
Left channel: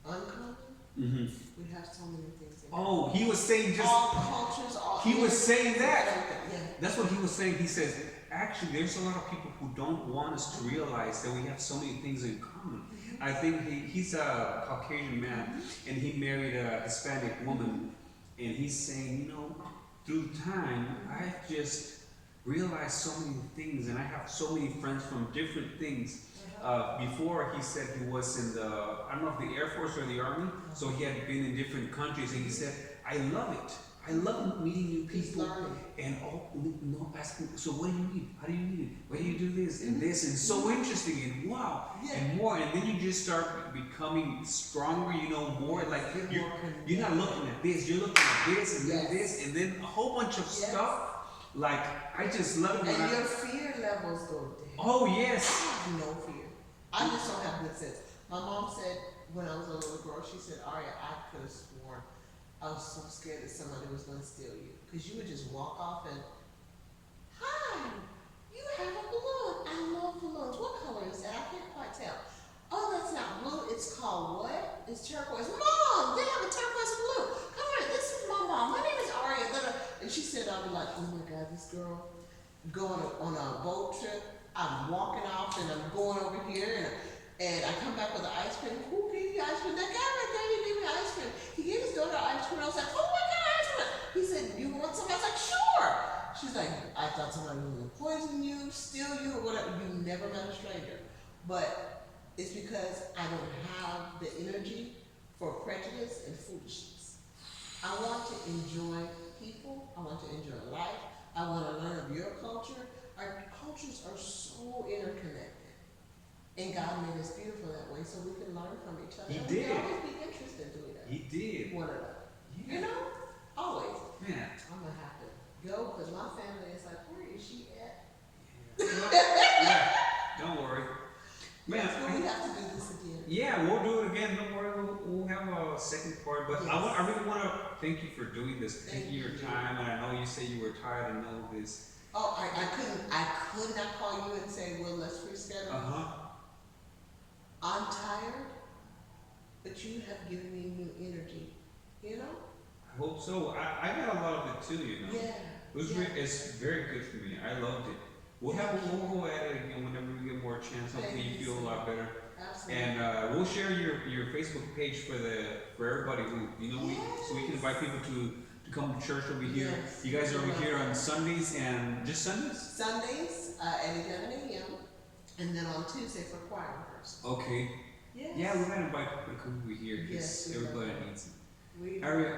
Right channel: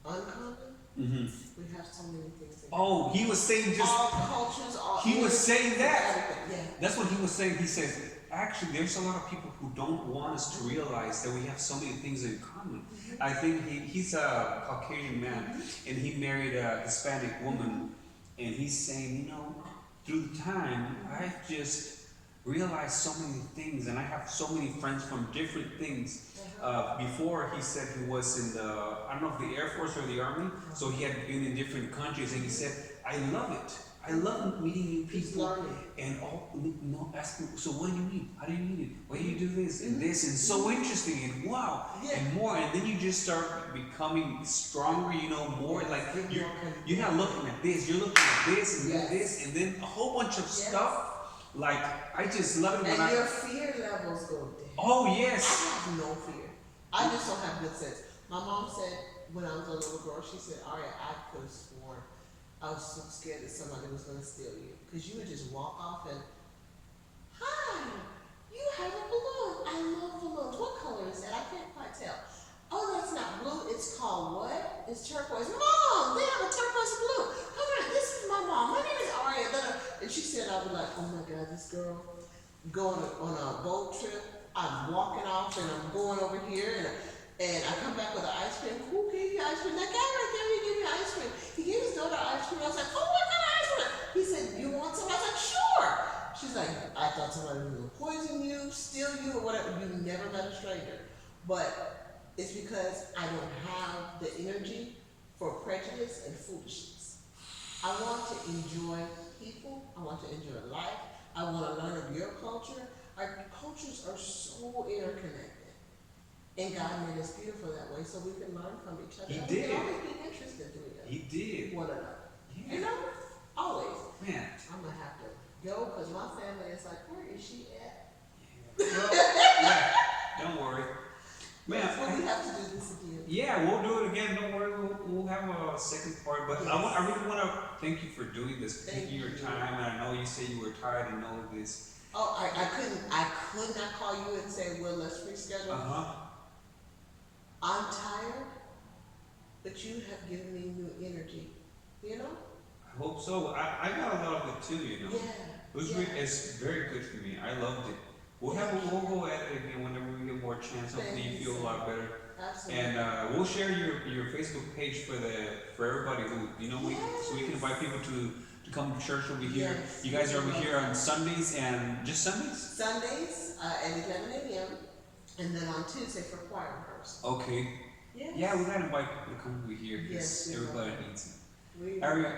uncommon, we have so many things in common. Oh, he was saying just all cultures, all he was saying that. Yeah. That's what he was saying. He says, actually, there's a lot of people who don't want us to realize that we have so many things in common. I think he's a Caucasian man, and he married a Hispanic woman, and he's saying, you know, through time, I just realized so many things, and I have so many friends from different things. before he said he was in the, I don't know if the Air Force or the Army, so he had been in different countries, and he said, I love it. I love meeting new He's people. learning. And asking, so what do you need? How do you need it? Why do you do this and this? And so interesting and wow, Yeah. and more. And then you just start becoming stronger, you know, more like you're not looking at this, you're looking at this and then this, and then a whole bunch of stuff. Like, I just love it when and your fear levels go down. Oh, yes. I have no fear. I just don't have good sense. My mom said when I was a little girl, she said, Aria, I could have sworn I was so scared that somebody was going to steal you. Because you would just walk off and, hi, you have a balloon. I love balloons. What color is that? I can't quite tell. Oh, that's not blue. It's called what? It's turquoise. Mom, they have a turquoise balloon. Come on, this is my mom. My name is Aria. And she said, I'll be like, oh my God, this girl going on a boat trip. I'm walking off and I'm going over here and I come back with an ice cream. Who gave you ice cream? That guy right there, he gave me ice cream. He gave his daughter ice cream. I was like, oh, what kind of ice cream? He said, you want some? I was like, sure. She's like, I thought somebody was gonna poison you, steal you, or whatever. You never met a stranger. But it's because I don't have the energy for prejudice and foolishness. I want to enjoy people. I want to enjoy life. I want to learn of your culture. Our cultures are so interconnected. And God made us beautiful that way so we can learn from each other. He and did. We can always be interested to He did. one another. Yeah. You know? Always. Man. I'm going to have to go because my family is like, where is she at? Yeah. Well, yeah. Don't worry. Man, Yes, well, we have to do this again. yeah, we'll do it again. Don't worry, we'll have a second part. But Yes. I really want to thank you for doing this, Thank taking your you. time. And I know you said you were tired and all of this. Oh, I could not call you and say, well, let's reschedule. I'm tired, but you have given me new energy. You know? I hope so. I got a lot of it too, you know. Yeah. It's very good for me. I loved it. We'll go at it again whenever we get more chance. Hopefully Thank you you feel a so lot better. Absolutely. And we'll share your Facebook page for everybody who so we can invite people to come to church over here. Yes. You guys are over here on Sundays and just Sundays? Sundays at 11 a.m. and then on Tuesday for choir rehearsal. Okay. Yes. Yeah, we gotta invite people to come over here because Yes, we everybody will. needs it. We Aria,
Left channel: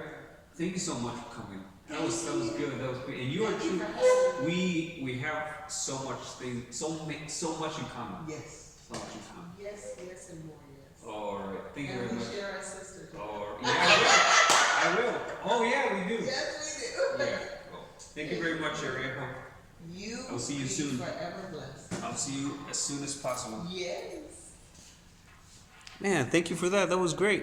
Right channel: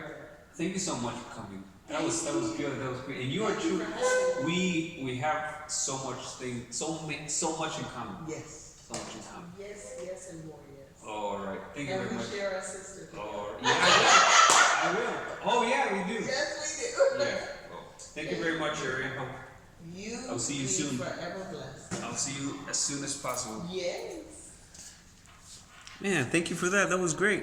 thank you so much for coming. That was good. That was great. And you are Thank you true. for having me. We have so much in common. Yes. So much in common. Yes, and more yes. All right. Thank you And very we much. share our sister together. All right. Yeah, I will. Oh yeah, we do. Yes, we do. Yeah. Well, thank you very much, Aria. You I'll see you be soon. forever blessed. I'll see you as soon as possible. Yes. Man, thank you for that. That was great.